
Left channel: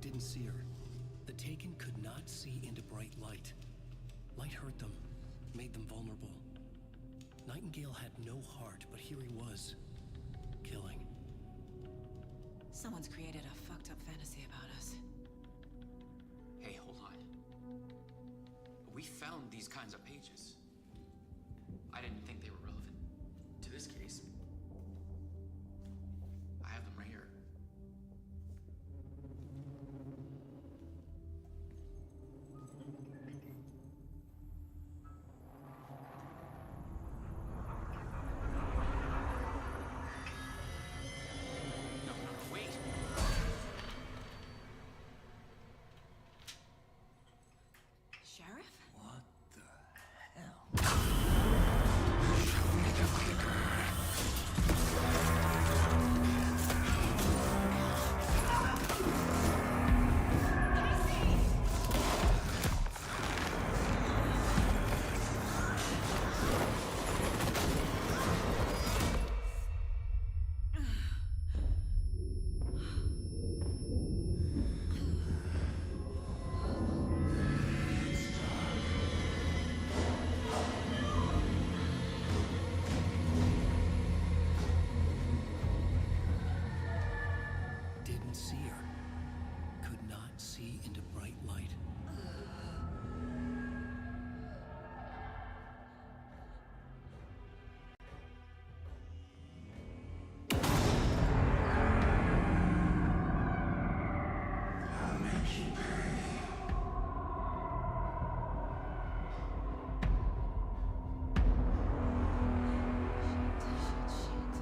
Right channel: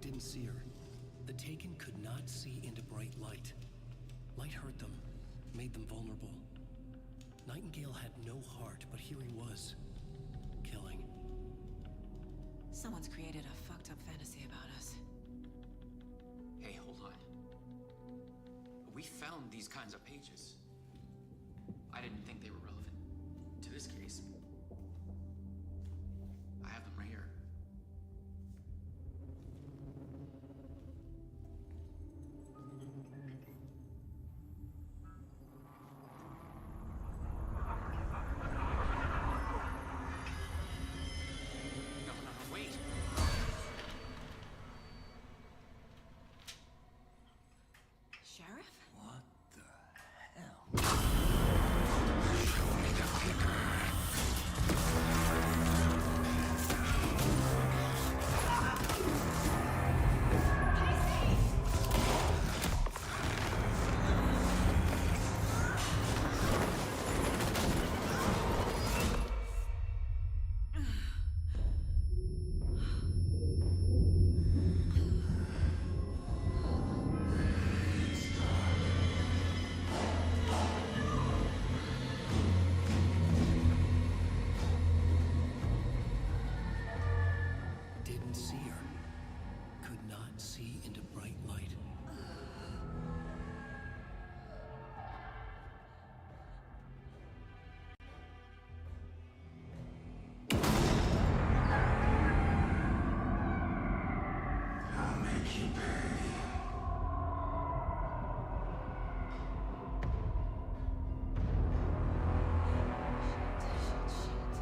Didn't see her. The Taken could not see into bright light. Light hurt them, made them vulnerable. Nightingale had no heart, but here he was, killing. Someone's created a fucked up fantasy about us. Hey, hold on. We found these kinds of pages. I didn't think they were relevant to this case. I have them right here. No, wait! Sheriff? What the hell? Didn't see her. Could not see into bright light. I'll make you pay.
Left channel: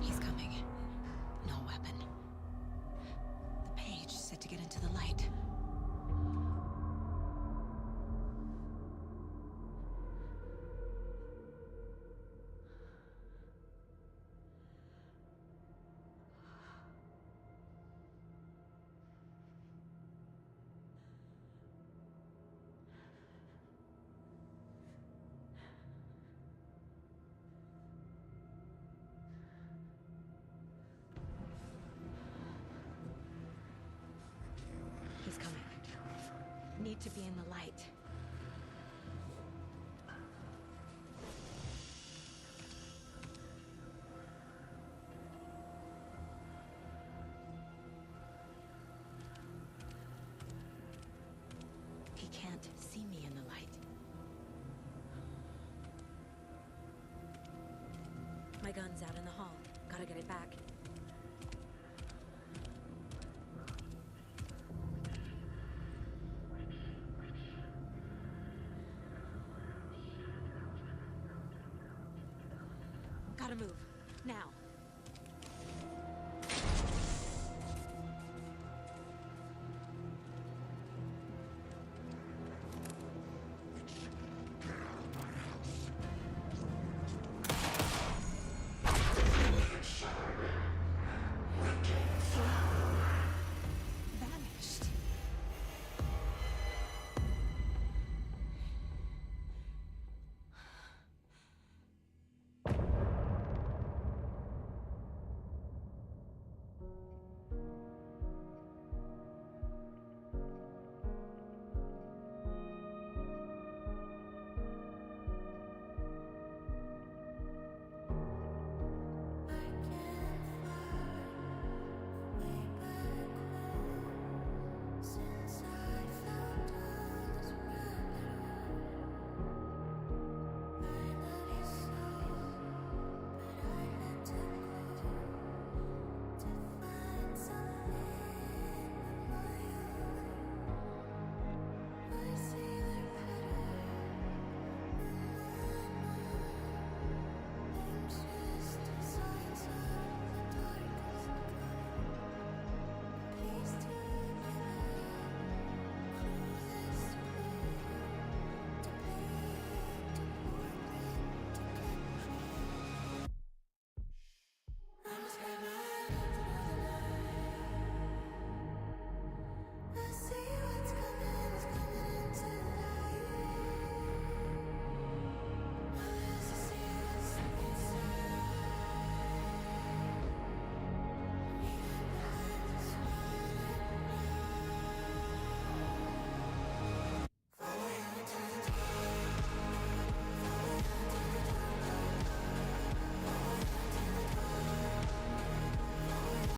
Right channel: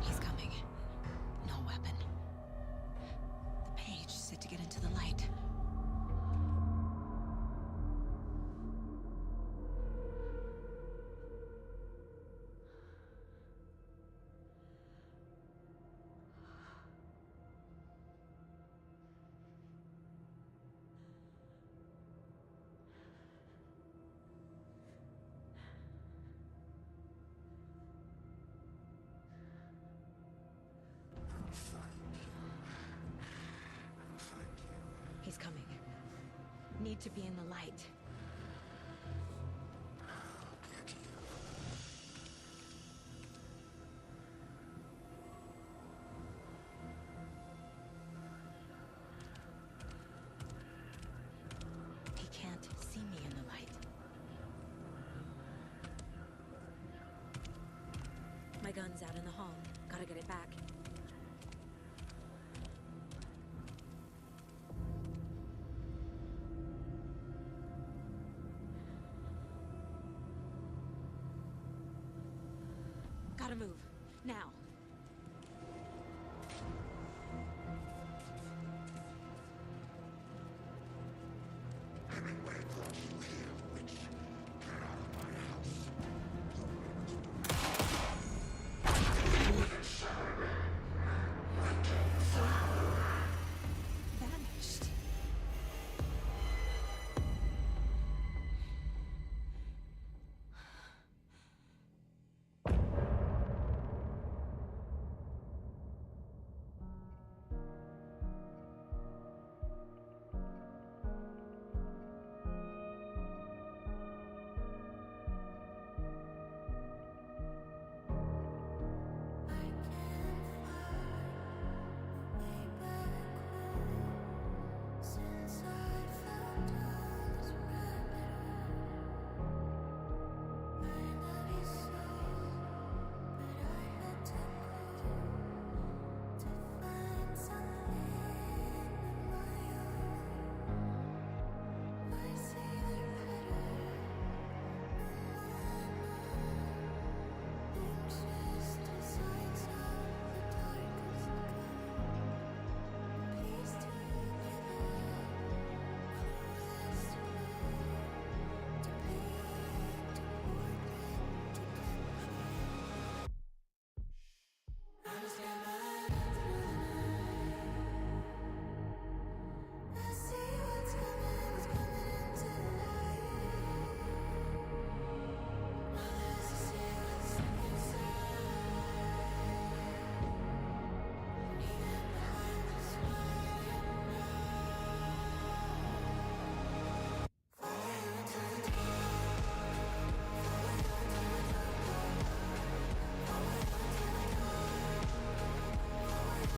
He's coming. No weapon. The page said to get into the light. He's coming. Need to be in the light. He can't see me in the light. My gun's out in the hall. Gotta get it back. Gotta move. Now.